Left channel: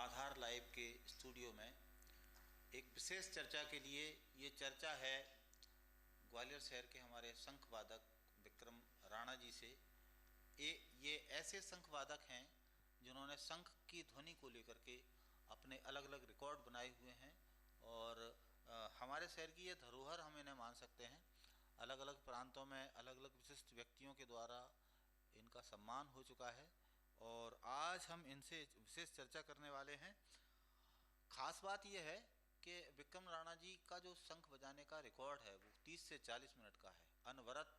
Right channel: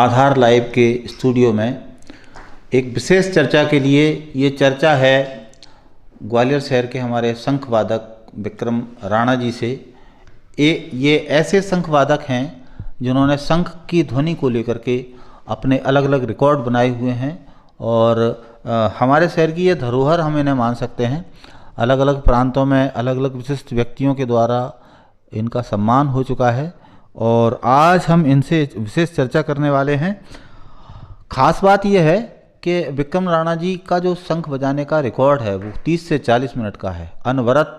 आधार live के studio में एक विशेष चर्चा के लिए। ये चर्चा है ग्वालियर शहर के हमारे शंख वादक विक्रम राणा जी से। ये ऐसे शंख वादक हैं जिन्होंने शंख की ध्वनि को लेकर के अपने अलग अलग रिकॉर्ड बनाए हुए हैं और हमारे शहर की ये धरोहर हम इन्हें मान सकते हैं। अलग अलग प्रांतों में अलग अलग विशिष्ट व्यक्तियों के द्वारा इनका सम्मान हो चुका है और आज हम इनसे विशेष चर्चा करने वाले हैं। खास बात यह है कि विक्रम राणा जी का जो शंख बजाने का रिकॉर्ड है वो 30 से 40 मिनट का है। अनवरत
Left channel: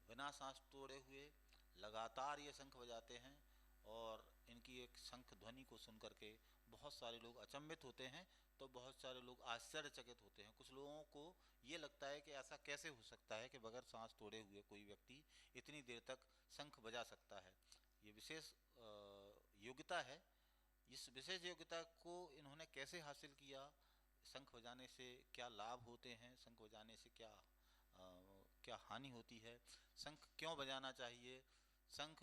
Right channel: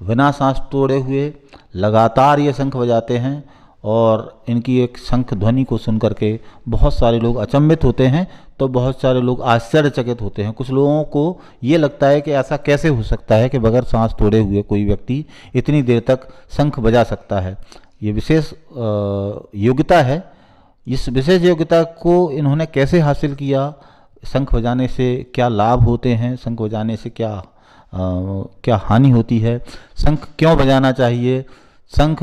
बिना सांस तोड़े हुए लगातार ये शंख बजाते हैं और इनकी एक शंख ध्वनि को सुन करके बहुत सारे लोग अचंभित होते हैं तो बहुत सारे लोग आश्चर्यचकित होते हैं। कुछ लोगों को ये लगता है कि ऐसा कैसे हो सकता है कि बगैर सांस तोड़े हुए कोई व्यक्ति इतनी देर तक शंख बजा सकता है। ये विशेष योग्यता है। इस विशेष योग्यता को इन्होंने कैसे हासिल किया, शंख बजाने से क्या लाभ होते हैं, शंख बजाने से क्या हानि होती है, शंख क्यों बजाना चाहिए, शंख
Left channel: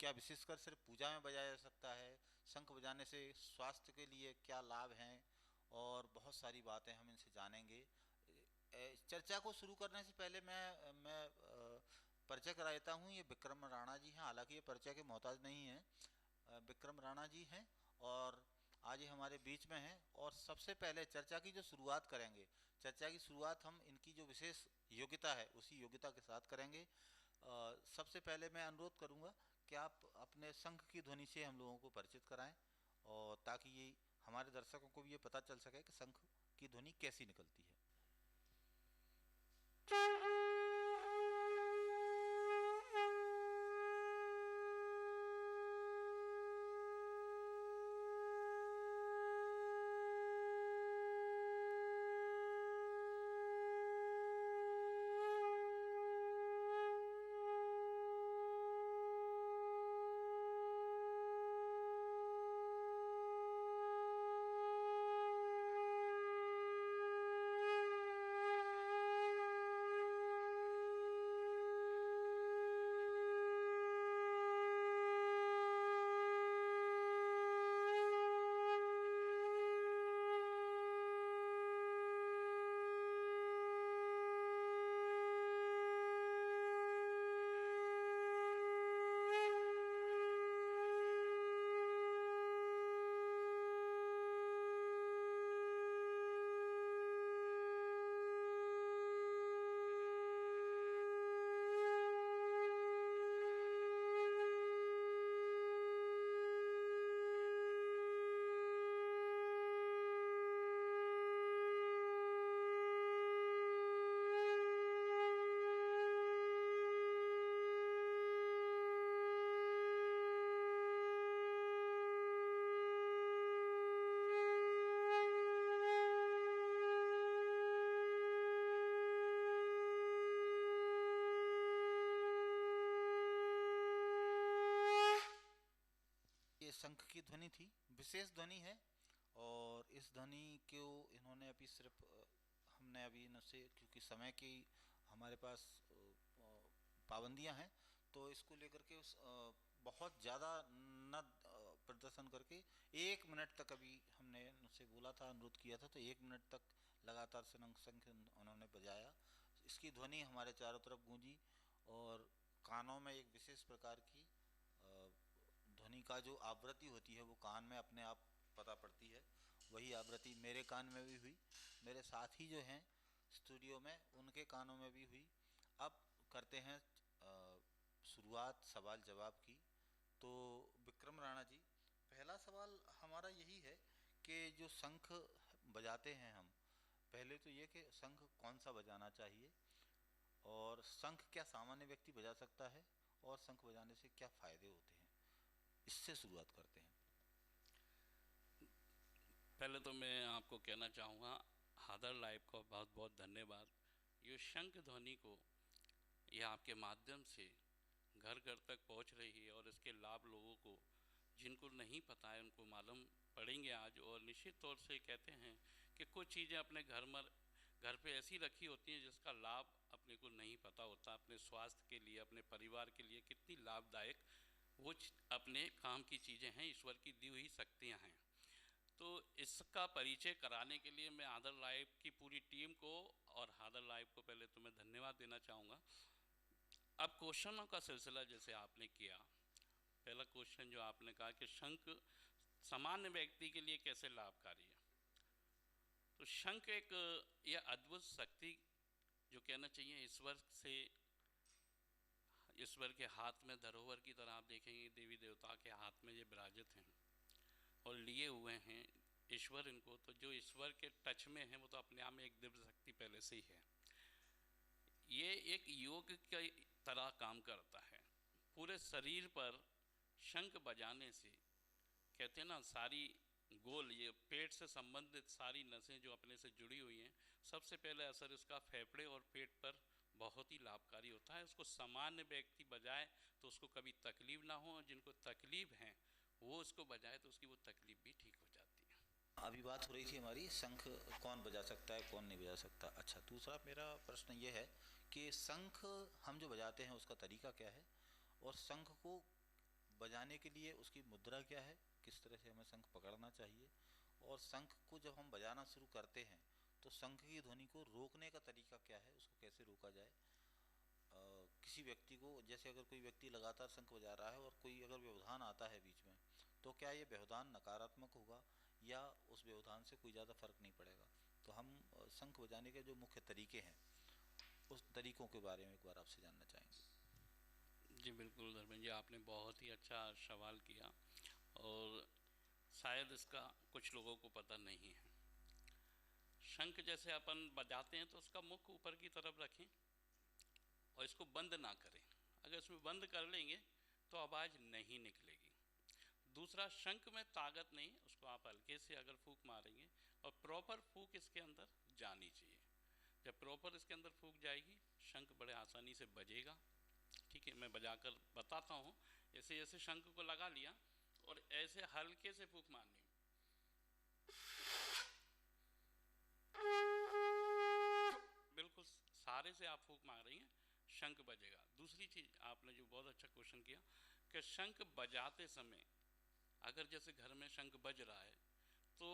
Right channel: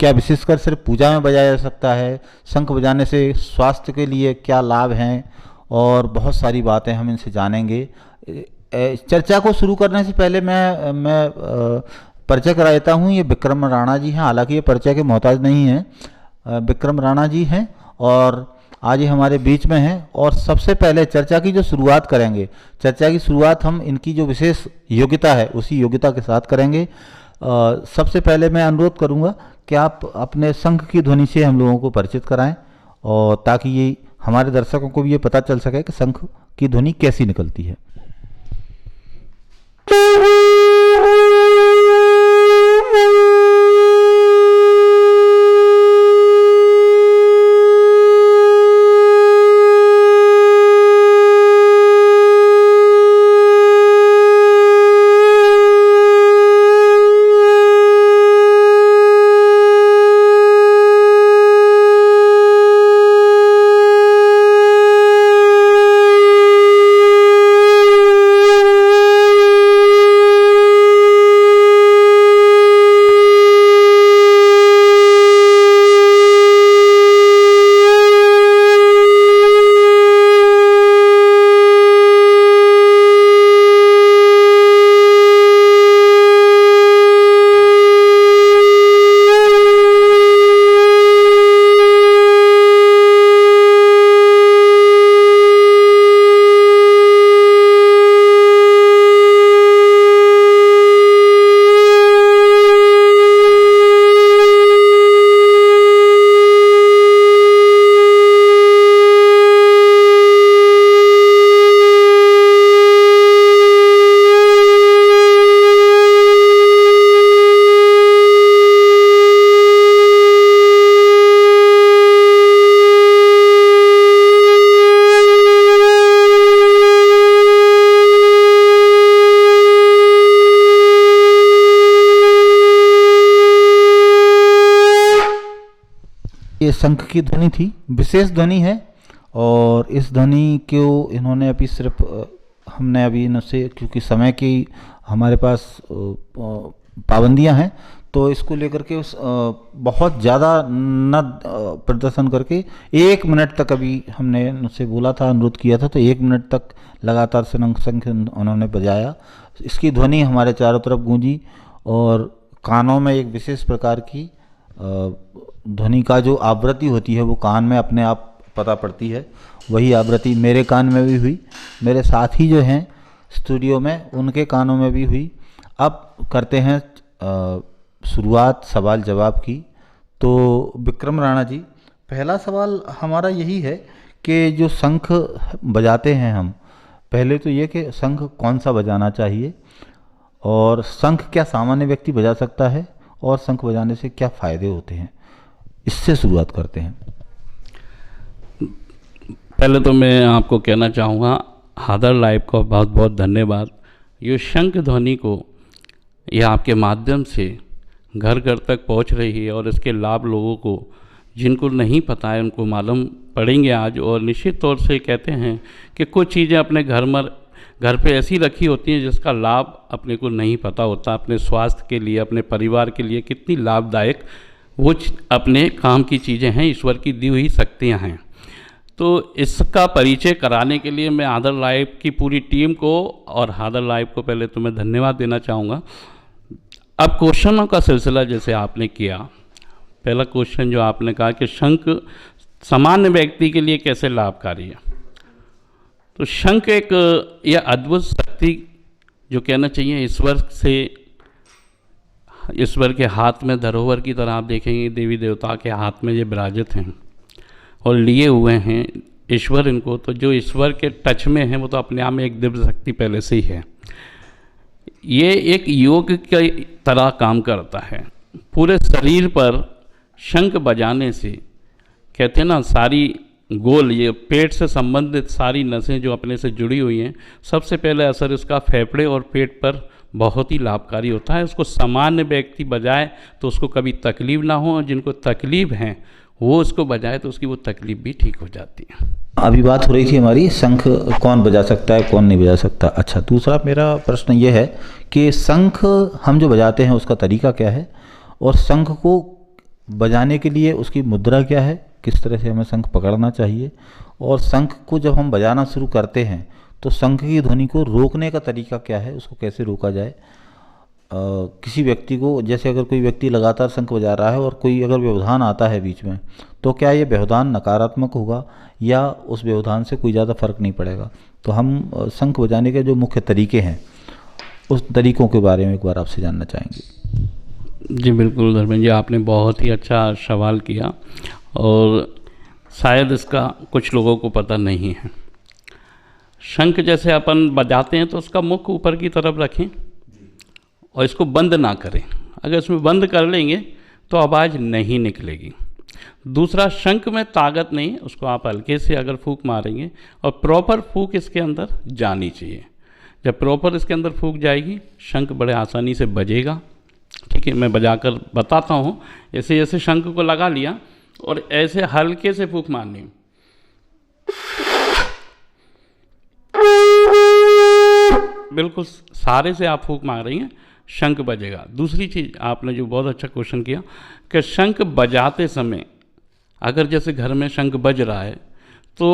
क्या विशेषकर सिर्फ पूजा में बजाया जा सकता है, शंख बजाने से स्वास्थ्य के लिए क्या लाभ हैं और बहुत सारी बातें हम इनसे जानेंगे। चर्चा को शुरू करने से पहले मैं परिचय करा देता हूँ। ये विक्रम राणा जी हैं, हालांकि ये परिचय के मोहताज नहीं हैं। विक्रम राणा जी हैं और आज ये हमारे बीच में हैं और सबसे पहले चर्चा की जो शुरुआत करेंगे, चर्चा की शुरुआत हम इनकी जो विशेष योग्यता है उसी योग्यता के साथ करेंगे। सबसे पहले मैं अनुरोध करूंगा कि आप अपने शंख की ध्वनि से हम लोगों को परिचित कराएं और ताकि ये हमारे दर्शकों को भी ये पता चल सके कि शंख की ध्वनि कैसी निकलती है। ये शंख की ध्वनि थी, विशेष ध्वनि है और इस ध्वनि को इन्होंने अभी सिर्फ हमने अभी इनसे, क्योंकि समय की हमारे पास पाबंदियां हैं तो इसको लेकर के बहुत ज़्यादा न प्रदर्शन करके 1 मिनट तक अभी हमने उनसे बोला था, अनुरोध किया था, तो 1 मिनट तक लगातार शंख उन्होंने बजाया। इसकी ध्वनि हमारे चारों तरफ गूंजी और कानों में एक विशेष प्रकार की ध्वनि का जो आवृत्ति होती है वो कान में अपने आप पता पड़ती है। वही आवृत्ति मेरे कान में भी हुई, मेरे साथी जो हैं स्टूडियो में उनके कानों में भी हुई। अब करते हैं शुरुआत सवाल जवाब की। तो विक्रम राणा जी, पहला सवाल हमारा यही है कि जो शंख बजाते हैं हम, पहले तो ये कि शंख कौन सा बजाना चाहिए और शंख क्या सामान्य व्यक्ति बजा सकता है और शंख बजाने से क्या फ़ायदे होते हैं, इससे शुरुआत करते हैं। पहले तो मैं आपको कहना चाहूँगा आधार लाइव का बहुत बहुत धन्यवाद। ये शंख ध्वनि को यह आपके माध्यम से घर घर तक पहुंच रही है और इसके लाभ लोगों को जिनको नहीं पता है उनको मालूम पड़ेंगे आज। और निश्चित तौर से कहते हैं कि कुछ चीज़ें अपने घर पे ऐसी रखी होती हैं जिसका लाभ अपने को नहीं पता होता, अपने स्वास्थ्य के लिए, अपने परिवार के लिए कितनी लाभदायक वो अपने काम की चीज़ें हैं, ईश्वर की दी हुई शक्तियाँ हैं। तो इसका परिचय कराने के लिए मैं हादर लाइव की पूरी टीम को और हादर लाइव को पहले तो मैं धन्यवाद देना चाहूँगा। अब क्वेश्चनों का सिलसिला जैसे आपने किया, पहला क्वेश्चन जो आपने कहा कि शंख सामान्य व्यक्ति के लिए कैसे लाभकारी है, तो शंख एक यह अद्भुत शक्ति जो कहना चाहिए ईश्वर के हाथ में धरोहर की तरह आप देखेंगे, देवी देवता के हाथ में ये विराजित हैं और लिए हुए हैं ईश्वर इनको, तो जो ईश्वर के टच में है वो तो अपने आप में एक दिव्य शक्ति पहले से ही है। ये एक योग की तरह काम करता है। पूरे शरीर पर शंख बजाने से कहते हैं ना, सारी गोल ये पेट से संबंधित सारी नसें जो अपने से जुड़ी हुई हैं, सबसे पहले असर इसका फेफड़े और पेट पर बहुत ही लाभकारी होता है। उसको सामान्य व्यक्ति बजाए तो उसको कभी तकलीफ़ ना हो, और जिनको तकलीफ़ हैं वो उसको बजाए तो उसकी वो तकलीफ़ भी ठीक हो जाती है। अभी बात हो रही थी हमारी शंख कौन बजा सकता है कौन नहीं बजा सकता। अच्छा, दूसरा मेरा प्रश्न ये है कि शंख हम जो बजाते हैं उसका तरीका क्या है, और शंख को बजाने के लिए उसकी मुद्रा क्या है, किस तरह से हमें शंख पकड़ना चाहिए, और शंख को जब हम बजाना शुरू करते हैं तो शंख की ध्वनि को रोकने का तरीका क्या है, उसको कैसे रोका जाए। किसी व्यक्ति को, जैसे अगर कोई व्यक्ति लगातार शंख बजा रहा है और कोई अगर व्यवधान आता है बीच में, तो क्या ये व्यवधान नकारात्मक होगा या उस व्यवधान से कोई ज़्यादा फर्क नहीं पड़ेगा। तो हम शंख बजाने के जो मुख्य तरीके हैं उस तरीक़ों के बारे में एक बार आपसे जानना चाहेंगे। जी बिल्कुल धर्मेंद्र जी, आपने बहुत ही अच्छा सवाल किया और शायद इसका कुछ लोगों को पता नहीं है। शंख जैसे अपन बजाते हैं तो उसका मुख ऊपर की तरफ रखें और इसको बंद ना करें। अगर इसमें बंद कर लेंगे तो आवाज़ नहीं निकलेगी। दूसरा, शंख में ताकत नहीं, उसको आप हल्के से अगर फूंक मारेंगे और प्रॉपर फूंक इसके अंदर जानी चाहिए। जब प्रॉपर इसके अंदर फूंक जाएगी शंख बड़े आसानी से बजेगा। ठीक है, मैं बजाकर बताता हूँ। ऐसे ऐसे शंख को लगा लिया और ऐसे हल्के से फूंक मारनी, बिल्कुल सारे से आप फूंक मार रही हैं, शंख बजेगा। दूसरी चीज़ आपने जो बहुत अच्छा क्वेश्चन किया कि शंख बजाते समय अगर जैसे घर में शंख बज रहा है तो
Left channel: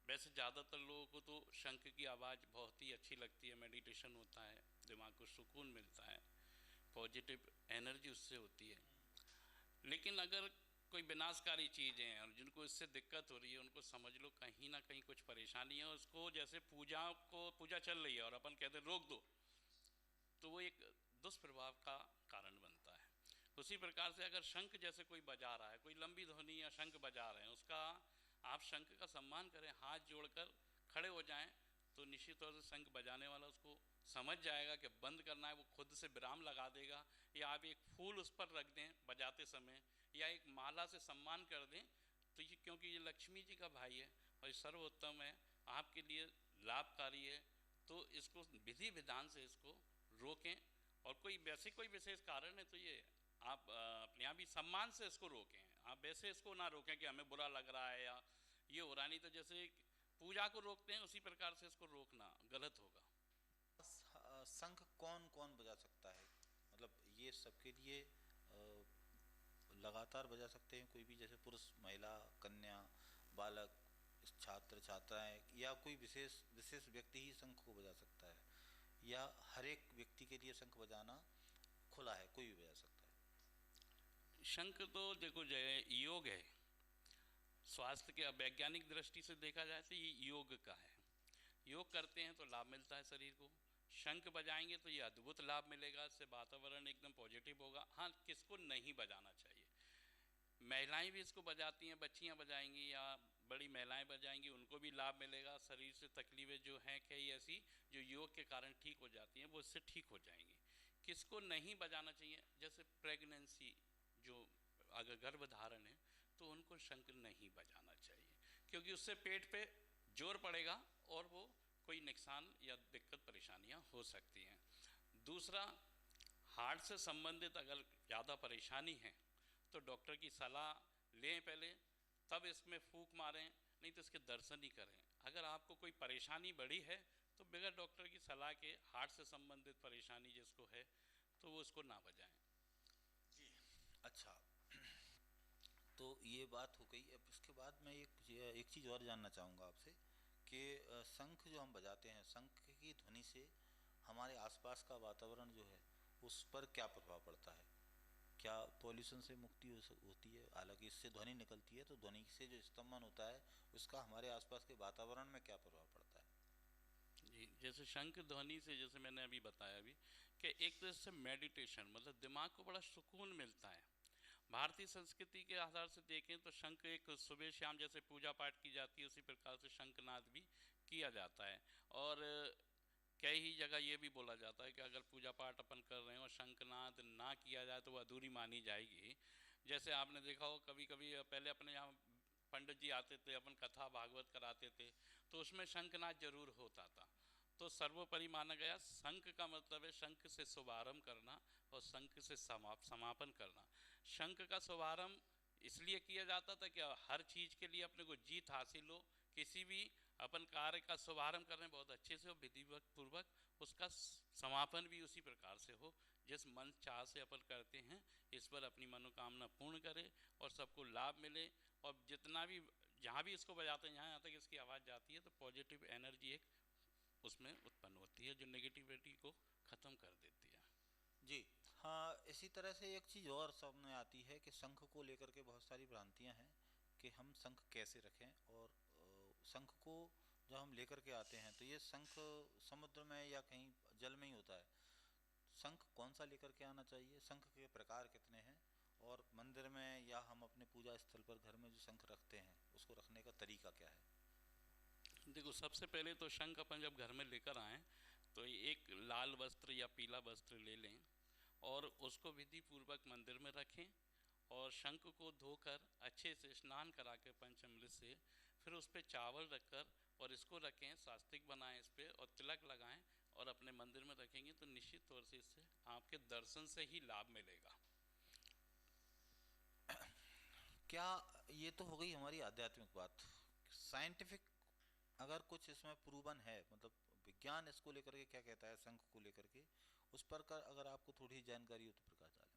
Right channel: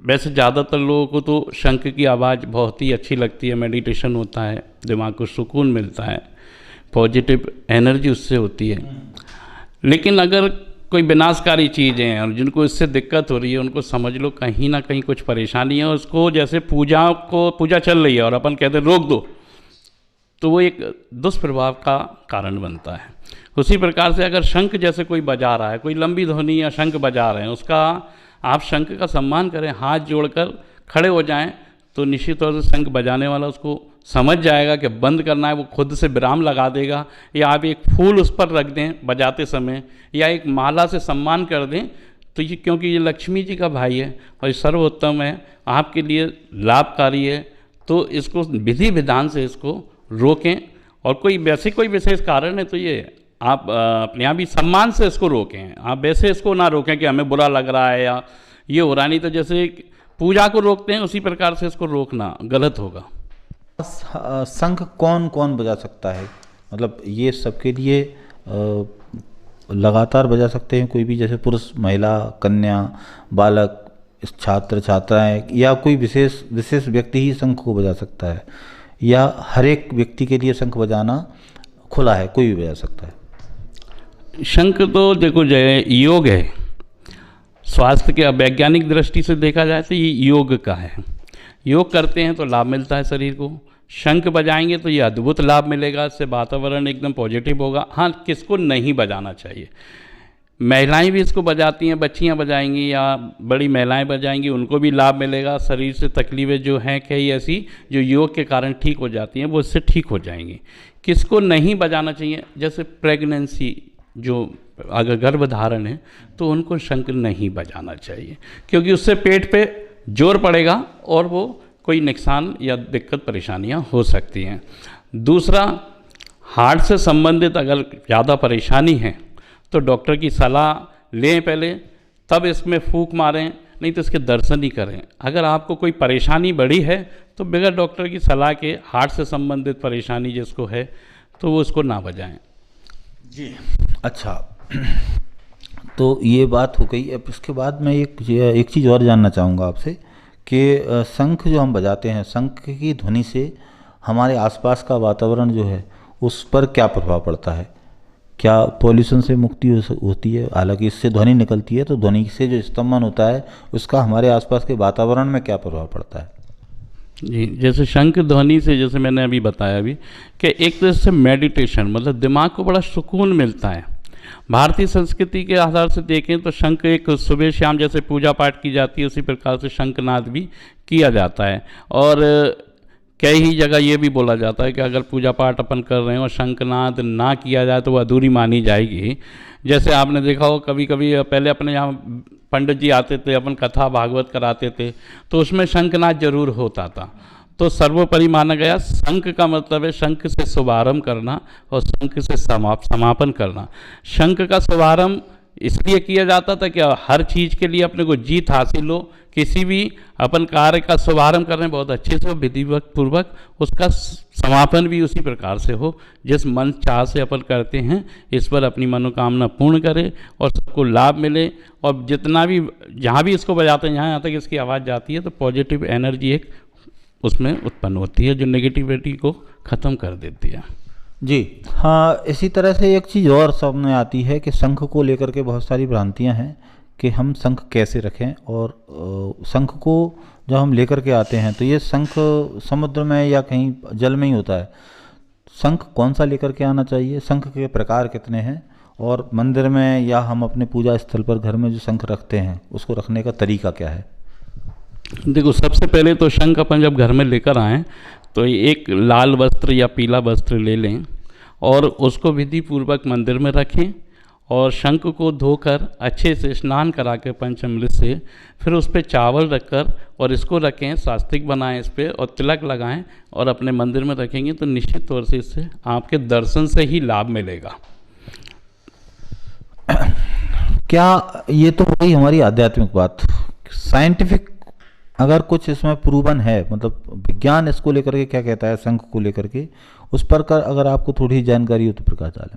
वैसे ज़्यादातर लोगों को तो शंख की आवाज़ बहुत ही अच्छी लगती है, मेडिटेशन होता है, दिमाग को सुकून मिलता है, पॉजिटिव एनर्जी उससे होती है। लेकिन अगर कोई विनाशकारी चीज़ें हैं और जिनको इससे दिक्कत हो रही है उनको समझ लो कहीं ना कहीं कुछ परेशानी है, उसको जैसे पूजा चल रही है और अपन कहते हैं रोक दो, तो वो एक दुष्प्रभाव का कारण बनता है। उसी प्रकार से अगर शंख जैसे कोई बजा रहा है, कोई लंबी ध्वनि या शंख बजा रहे हैं, उसका आप शंख का सम्मान करें, हाथ जोड़कर खड़े हो जाएं, तो निश्चित तौर से शंख बजाने वाला उसको समझ जाएगा कि बंद करना है, वो खुद से विराम लगा देगा। या आप एक फूल उस पर रख दें बजाते समय या एक माला से सम्मान कर दें, तो ये क्योंकि ये लक्ष्मी जी का भाई है और ये सर्वोत्तम है, आपके लिए लाभकारी है, तो इसको विधि विधान से इसको रोकें। और कोई वैसे कोई विशेष कारण है तो ये आप अपने आप ही सम्मान से इसको रोकें। आप वैसे इसको ना रोकें कि हमें बुरा लग रहा है या ये हो रहा, नहीं तो जैसे पूजा को रोकते हैं उसी प्रकार से इसको रोकना गलत होगा। शंख कौन कौन बजा सकता है, मतलब ये सबके लिए लगातार बजा सकते हैं कोई भी, जैसे पुरुष, महिला, कन्या, बालक, छात्र, छात्राएं, या कोई विशेष व्यक्ति ही शंख को बजा सकता है, या हर एक व्यक्ति के लिए शंख बजाना खुला है, कोई भी बजा सकता है? शंख तो देखो जय योग है, स्वास्थ्य के वैज्ञानिक दृष्टि से देखा जाए तो ये योग का है। योग करते हैं तो लाभ मिलता है शरीर को, शंख बजाएंगे तो ये अद्भुत लाभ मिलेगा, इससे वातावरण एकदम पॉजिटिव होगा। हाँ, किसको नहीं बजाना चाहिए, महिलाएं भी इसको बजाती हैं, बच्चियां बजाएंगी या बड़ी महिलाएं बजाएंगी, उनको भी लाभ मिलेगा। शरीर से तकलीफ़ें जो हैं कई ऐसी जो योग के कारण ठीक हो जाती हैं वो इससे ठीक हो जाएंगी। किसको नहीं बजाना चाहिए, जैसे प्रेगनेंसी, जो अगर गर्भधारण है तो उनको शंख नहीं बजाना चाहिए, क्योंकि उससे पेट पे जोर पड़ेगा और वो कोई नुकसान या दिक्कत परेशानियां हो सकती हैं। दूसरा, हार्ट से संबंधित अगर ज़्यादा परेशानी है तो डॉक्टर की सलाह लें पहले, तब इसमें फूंक मारें, नहीं तो इसके दर्शन ही करें। अगर आपको कोई परेशानी बड़ी है तो बगैर डॉक्टर की सलाह के हार्ट से संबंधित परेशानी जिसको है तो वो उसको ना बजाएं। जी अच्छा, तो ये बात हो गई। अब इसके बाद मैं एक चीज़ और जानना चाहूँगा आपसे कि शंख जो हम बजाते हैं, शंख की ध्वनि से हमारे आसपास का वातावरण जो है उस पर क्या प्रभाव पड़ता है? क्या पॉल्यूशन से मुक्ति होती है? हालांकि इससे ध्वनि निकलती है, तो ध्वनि से जो स्तंभन होता है उसका हमारे आसपास के वातावरण में क्या प्रभाव पड़ता है? जी, जैसे शंख ध्वनि से, जैसे मैंने अभी बताया अभी, कि एक तरह से मेडिटेशन, मतलब दिमाग को बड़ा सुकून मिलता है। भारतीय संस्कृति के आधार से देखें तो शंख एक सुबह शाम जैसे पूजा पाठ की जाती है, उसी प्रकार से शंखनाद भी किया जाता है। और कई ही जगह ये भी बोला जाता है कि अगर पूजा पाठ अपन कर रहे हैं और शंखनाद ना किया जाए तो वह अधूरी मानी जाएगी। जैसे आपने देखा हो, कभी कभी पहले अपने यहाँ पंडित जी आते थे, अपन कथा भागवत कराते थे, तो उसमें शंखनाद जरूर होता था। तो सर्वोपरि माना गया शंख का मतलब है शंख से शुभारंभ करना और शंख से समापन करना। शंख का शुभारंभ इसलिए किया जाता था कि हर चीज़ के लिए अपने को जीत हासिल हो, किसी भी अपन कार्य का शुभारंभ कर रहे हैं बहुत अच्छे से हो, विधिवत पूर्वक उसका समापन भी उसी प्रकार से हो, जिस मन चाह से अपन करते हैं इस पर अपनी मनोकामना पूर्ण करे और सबको लाभ मिले। और जितना भी जहाँ भी इसको बजाते हैं, यहाँ तक इसकी आवाज़ जाती है तो पॉजिटिव एनर्जी एक उसमें उत्पन्न होती है जो नेगेटिविटी को ख़त्म कर देती है। जी हाँ, इसी तरह से एक चीज़ और सामने आती है कि शंख को लेकर के बहुत सारी भ्रांतियां हैं कि हम शंख कैसे रखें। और शंख को जब हम लेकर के आते हैं तो ये शंख समुद्र में या कहीं जल में ही होता है। शंख कौन सा लेकर के आना चाहिए? शंख के प्रकार कितने हैं? और मंदिर में या हम अपने पूजा स्थल पर घर में जो शंख रखते हैं उसको रखने का तरीका क्या है? देखो, सबसे पहले तो शंख अपन जब घर में लेकर आएँ तो एक लाल वस्त्र या पीला वस्त्र ले लें और उसको विधि पूर्वक मंदिर में रखें और शंख को धोकर अच्छे से स्नान करा के पंचामृत से फिर उस पर चावल रखकर और इसको रखें, सात्विक बनाएं इस पर और तिलक लगाएं और अपने मंदिर में रखेंगे तो निश्चित तौर से इससे आपके दर्शन से ही लाभ मिलेगा। क्या ये तो वही हमारी आध्यात्मिक बात, साइंटिफिक अगर कुछ इसमें प्रूवन है, मतलब विज्ञान इसको लेकर के क्या कहता है शंख को लेकर के, उस पर अगर आपको थोड़ी जानकारी हो तो प्रकाश डालें।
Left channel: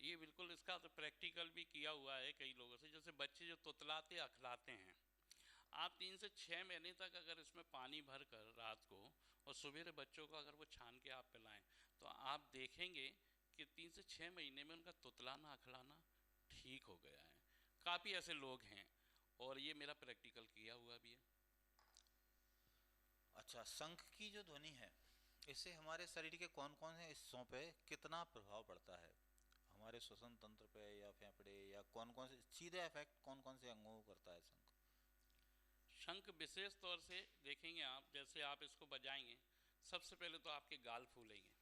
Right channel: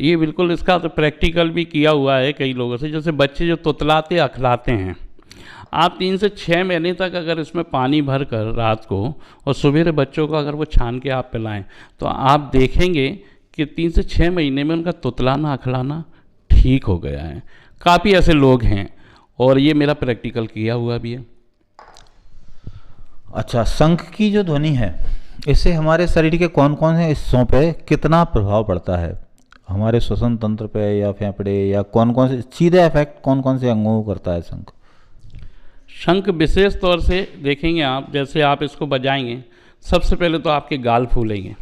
ये बिल्कुल, इसका तो प्रैक्टिकल भी किया हुआ है कई लोगों से। जैसे बच्चे जो तुतलाते अखलाते हैं, आप 3 से 6 महीने तक अगर इसमें पानी भर कर रात को और सवेरे बच्चों को अगर वो छान के आप पिलाएं तो आप देखेंगे कि 3 से 6 महीने में उनका तुतलाना अखलाना ठीक हो गया है। काफ़ी ऐसे लोग हैं और ये मेरा प्रैक्टिकल किया हुआ भी है। अच्छा, शंख की जो ध्वनि है इससे हमारे शरीर के कौन कौन से हिस्सों पे कितना प्रभाव पड़ता है? हमारे श्वसन तंत्र पे या फेफड़े या कौन कौन से सीधे इफेक्ट कौन कौन से अंगों को करता है शंख? शंख विशेष तौर से देखेंगे आप, जैसे आप इसको बजाएंगे सबसे पहले तो आपके गाल फूलेंगे,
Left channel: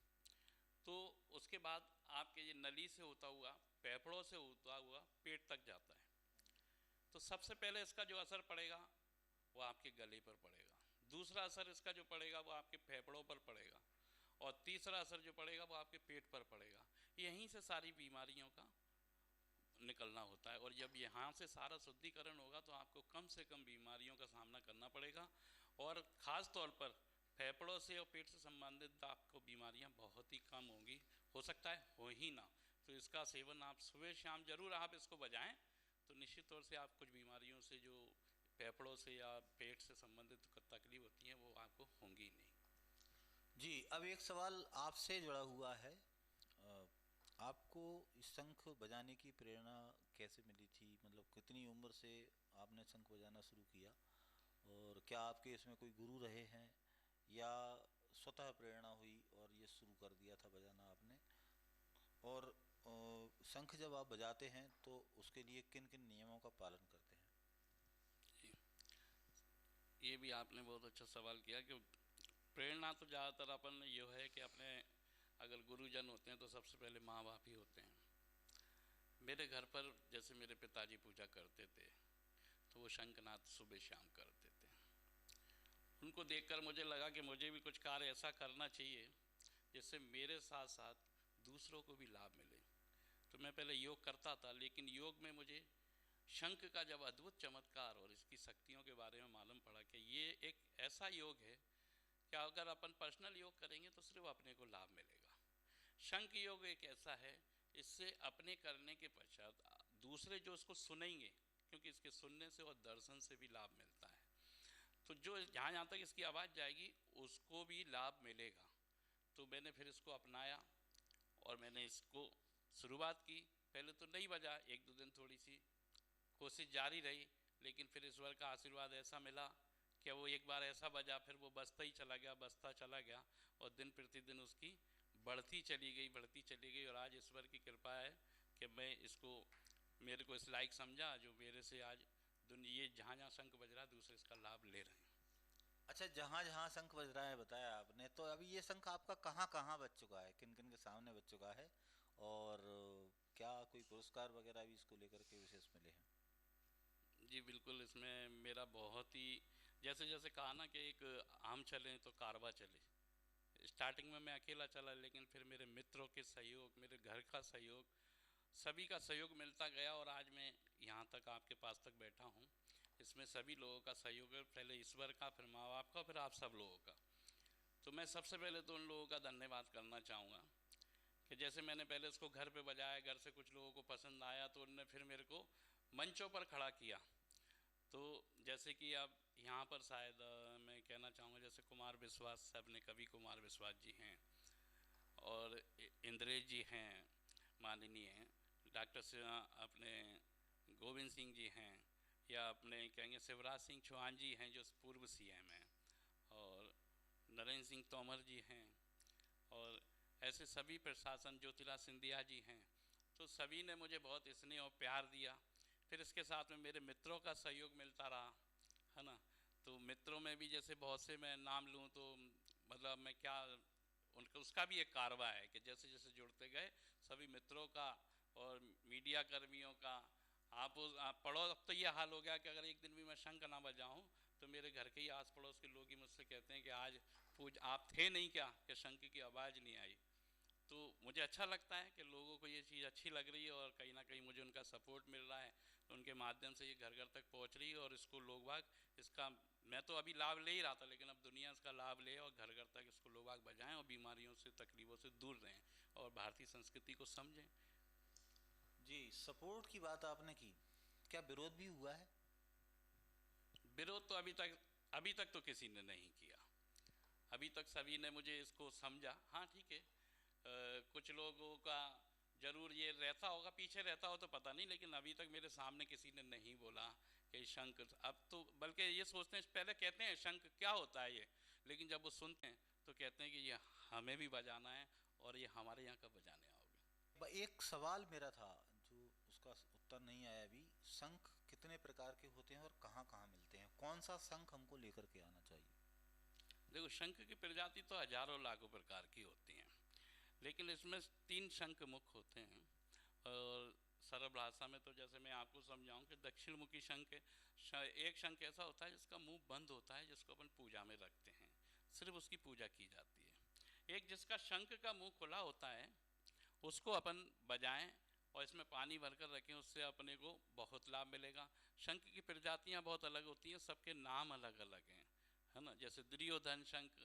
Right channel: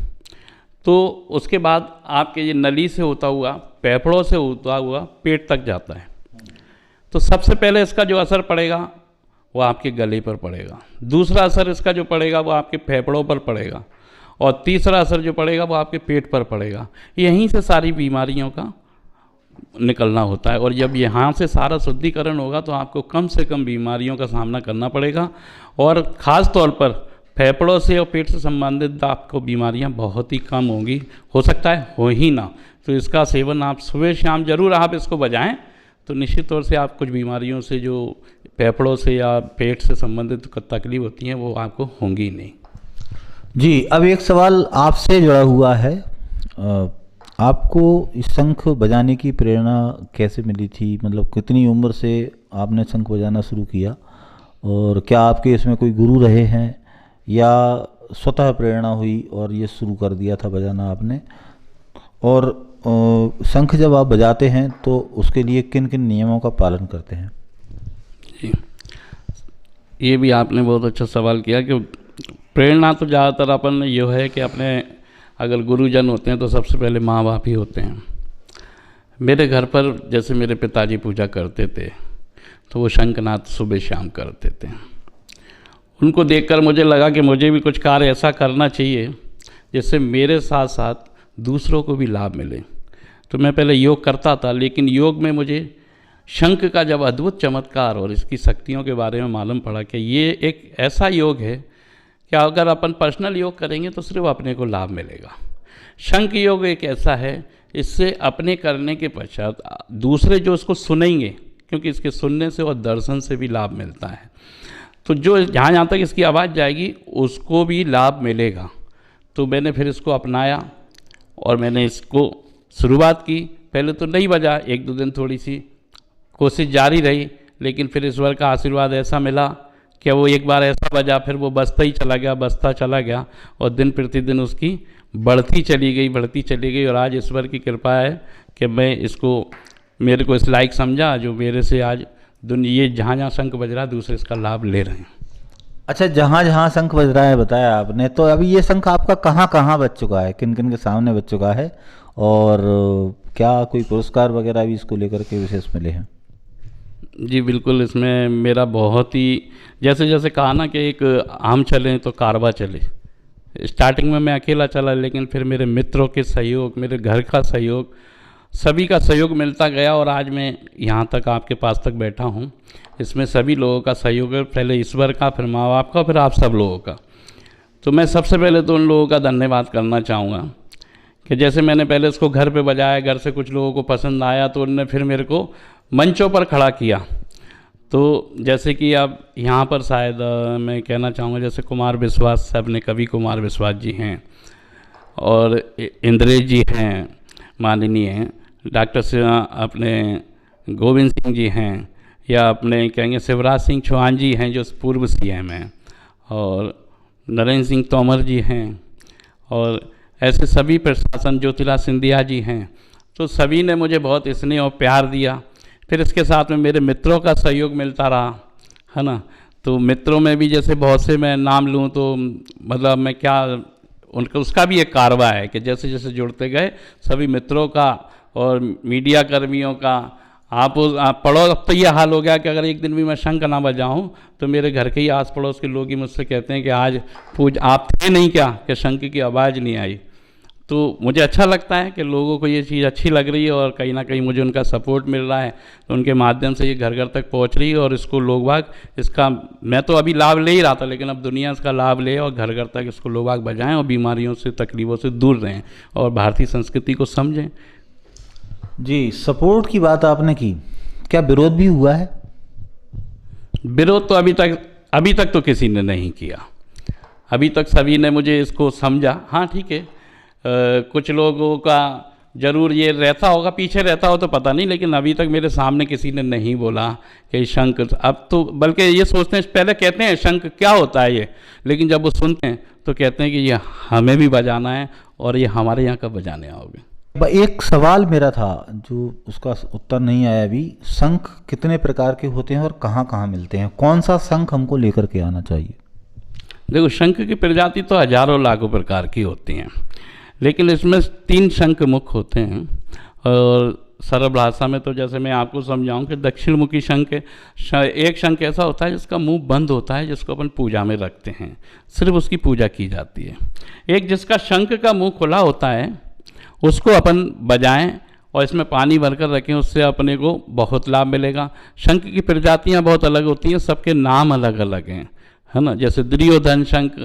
तो उसके बाद आपके ये नली से होता हुआ, फेफड़ों से होता हुआ पेट तक जाता है। तो सबसे पहले इसका जो असर पड़ेगा वो आपके गले पर पड़ेगा, दूसरा असर इसका जो पड़ेगा वो आपके फेफड़ों पर पड़ेगा और तीसरा असर जो पड़ेगा वो आपके पेट पर पड़ेगा। यहीं से सारी बीमारियों का निकलना होता है और जब यहाँ से सारा शुद्धिकरण होगा तो आपको कम से कम बीमारियों का सामना करना पड़ेगा और ख़ास तौर पर फेफड़ों से और पेट से संबंधित आपको बीमारियाँ बहुत ही कम होंगी, हो सकता है हो ही ना। तो इसका सेवन आप सुबह शाम जरूर आप इसको बजाएं तो निश्चित तौर से आप कुछ बीमारियों से जो फेफड़ों से या पेट से संबंधित तकलीफ होती हैं वो आपको होंगी नहीं। जी, अब एक सवाल आपसे जुड़ा हुआ है। आपको इस शंख बजाने की प्रेरणा कैसे मिली थी? मतलब कितनी उम्र से आपने शंख बजाना शुरू किया और क्या आपके इसमें कोई गुरु रहे हैं या स्वतः प्रेरणा हुई और ये शुरू कर दिया था बजाना आपने? और शंख जब आप बजाते हैं तो उसके लिए किन किन नियमों का पालन करते हैं? जी, ये भी आपने बहुत अच्छा सवाल किया कि प्रेरणा तो ज़्यादातर अपन ये है कि अपने अगर गुरुजन होते हैं तो सबसे पहले माँ बाप ही होते हैं। मेरे घर पर जैसे मेरे पिताजी पूजा करते थे तो वो शंखनाद सुबह शाम करते थे। उनको देखकर मुझे लगा कि मुझे भी कुछ कार्य ऐसा करना चाहिए जिससे मेरे साथ साथ दूसरों को भी लाभ मिले। तो मैं पहले योग करता था, लेकिन योग में मुझे शंख का जब अद्भुत चमत्कार और इसकी शक्तियों के बारे में मालूम पड़ा कि ये एक ऐसा योग है कि अगर अपन पर्सनल योग करेंगे तो सिर्फ अपने को लाभ मिलेगा। शंख योग एक ऐसा है इससे अपने करने के पश्चात दूसरे जो इसको सुनेंगे, क्योंकि इसके सुनने से और दर्शन से भी लाभ मिलता है, तो जो जहाँ जहाँ तक इसकी आवाज़ जाएगी उसको भी लाभ मिलेगा। तो मैंने फिर इसको अपनाया और मैंने इसको शुरुआत की। पहले तो नहीं बजा, 1-2 दिन थोड़ी सी कोशिश जारी रही, लेकिन फिर ईश्वर का आशीर्वाद ऐसा मिला कि वो एक बार ऐसा बजा, फिर वो बजता ही चला गया और दिन प्रतिदिन उसकी बढ़ती चली गई। और आज ईश्वर की कृपा है कि मैं इसको, मेरे को इस लायक समझा, जो मेरे से आज दुनिया जहाँ जहाँ शंख बज रहा है दूसरे इसका लाभ ले रहे हैं। अच्छा, जहाँ जहाँ शंख बज रहा है बताया आपने, तो अभी ये शंख आपका कहाँ कहाँ बज चुका है, किन किन के सामने बज चुका है, और क्या कोई पुरस्कार वगैरह भी इसको लेकर के विशेष मिले हैं? जी बिल्कुल, इसमें मेरा बहुत ही, जैसे जैसे कहा ना कि एक आम चले तो कारवा चले। स्टार्टिंग में मैं अकेला चला, लेकिन फिर मेरे मित्रों के सहयोग, मेरे घर का सहयोग, सभी का सहयोग मिलता गया और आज मैं यहाँ तक आपके पास तक बैठा हूँ। इसमें सभी लोगों का सहयोग है, पहले ईश्वर का, फिर माँ बाप का, फिर आप सब लोगों का। तो मैं सबसे पहले तो उन लोगों का धन्यवाद करना चाहूँगा कि जैसे मैंने पहले इसको घर पे बजाया, घर से कुछ लोगों को पसंद आया तो उन्होंने फिर मेरे को मंचों पर खड़ा किया। तो जैसे कि अब यहाँ पर शायद मैं कहना चाहूँगा, जैसे कुमार विश्वास साहब ने, कवि कुमार विश्वास जी हैं, और इंद्रेश जी हैं माननीय, डॉक्टर अपने गोविंद सिंह जी हैं, या अपने कहेंगे शिवराज सिंह चौहान जी हैं जो पूर्व सीएम हैं, और नरेंद्र सिंह तोमर जी हैं, और ऐसे सभी प्रशासन, ज्योतिराज सिंधिया जी हैं। तो सभी ने मुझे बहुत स्नेह और प्यार दिया। फिर इसके साथ में मेरे मित्रों का सहयोग मिलता रहा, है ना। तो मित्रों में भी जैसे बहुत से मैं नाम लूँ तो मतलब मैं क्या, उनका उसका भी एक कारवा है कि जैसे जैसे जुड़ते गए सभी मित्रों का और मीडिया कर्मियों का, आप पढ़ो। अब तो ये हाल हो गया कि अगर एक दिन भी मैं शंख ना बजाऊं तो मेरे घर के ही आस पड़ोस के लोग ही मुझसे कहते हैं कि आज आप थे नहीं क्या कि शंख की आवाज़ नहीं आई। तो मुझे अच्छा लगता है कि लोगों को ये चीज़ अच्छी लग रही है और कहीं ना कहीं मुझे उनका सपोर्ट मिल रहा है, तो उनके माध्यम से ये घर घर तक पहुंच रही है और इसको लोग बाग, इसका मैं तो अभी लाभ ले ही रहा था, लेकिन अब दुनिया इसका लाभ ले और घर घर तक इसको लोग बाग बजाएं और बीमारियों से, तकलीफ़ों से दूर रहें और भारतीय संस्कृति को समझें। जी, सपोर्ट की बात आपने की, क्या विरोध भी हुआ है? विरोध तो अभी तक तो किसी ने नहीं किया। अभी तक सभी ने मुझे इसको समझा। हाँ ठीक है, कुछ लोगों का ज़रूर ये रहता होगा, पीछे रहता हो तो पता नहीं, लेकिन अभी तक मेरे सामने किसी ने नहीं बोला कि शंख, अब तो बल्कि ये सोचते हैं, पहले कहते हैं शंख क्या होता है ये, लेकिन जब वो सुनते हैं तो कहते हैं कि ये हमें भी बजाना है और ये हमारे यहाँ कब बजाने आओगे। एक सवाल मेरा था जो उसका उत्तर नहीं आया अभी, शंख कितने प्रकार के होते हैं और कहाँ कहाँ मिलते हैं, कौन सा शंख हमको लेकर के आना चाहिए? देखो, शंख की प्रजाति तो हजारों लाखों प्रकार की होती हैं, लेकिन इसमें 3 शंख मुख्य होते हैं। और सरल भाषा में तो जैसे मैं आपको समझाऊं कि दक्षिण मुखी शंख है। एक शंख ऐसा होता है जिसका मुंह बंद होता है, जिसको अपन पूजा में रखते हैं, सिर्फ उसकी पूजा की जाती है। एक जिसका शंख का मुंह खुला होता है, उसको अपन बजाएं और इसमें पानी भरकर रखें, उससे अपने को बहुत लाभ मिलेगा। शंख की प्रजातियाँ बहुत अलग होती हैं, सबके नाम अलग अलग हैं, है ना। जैसे दुर्योधन शंख,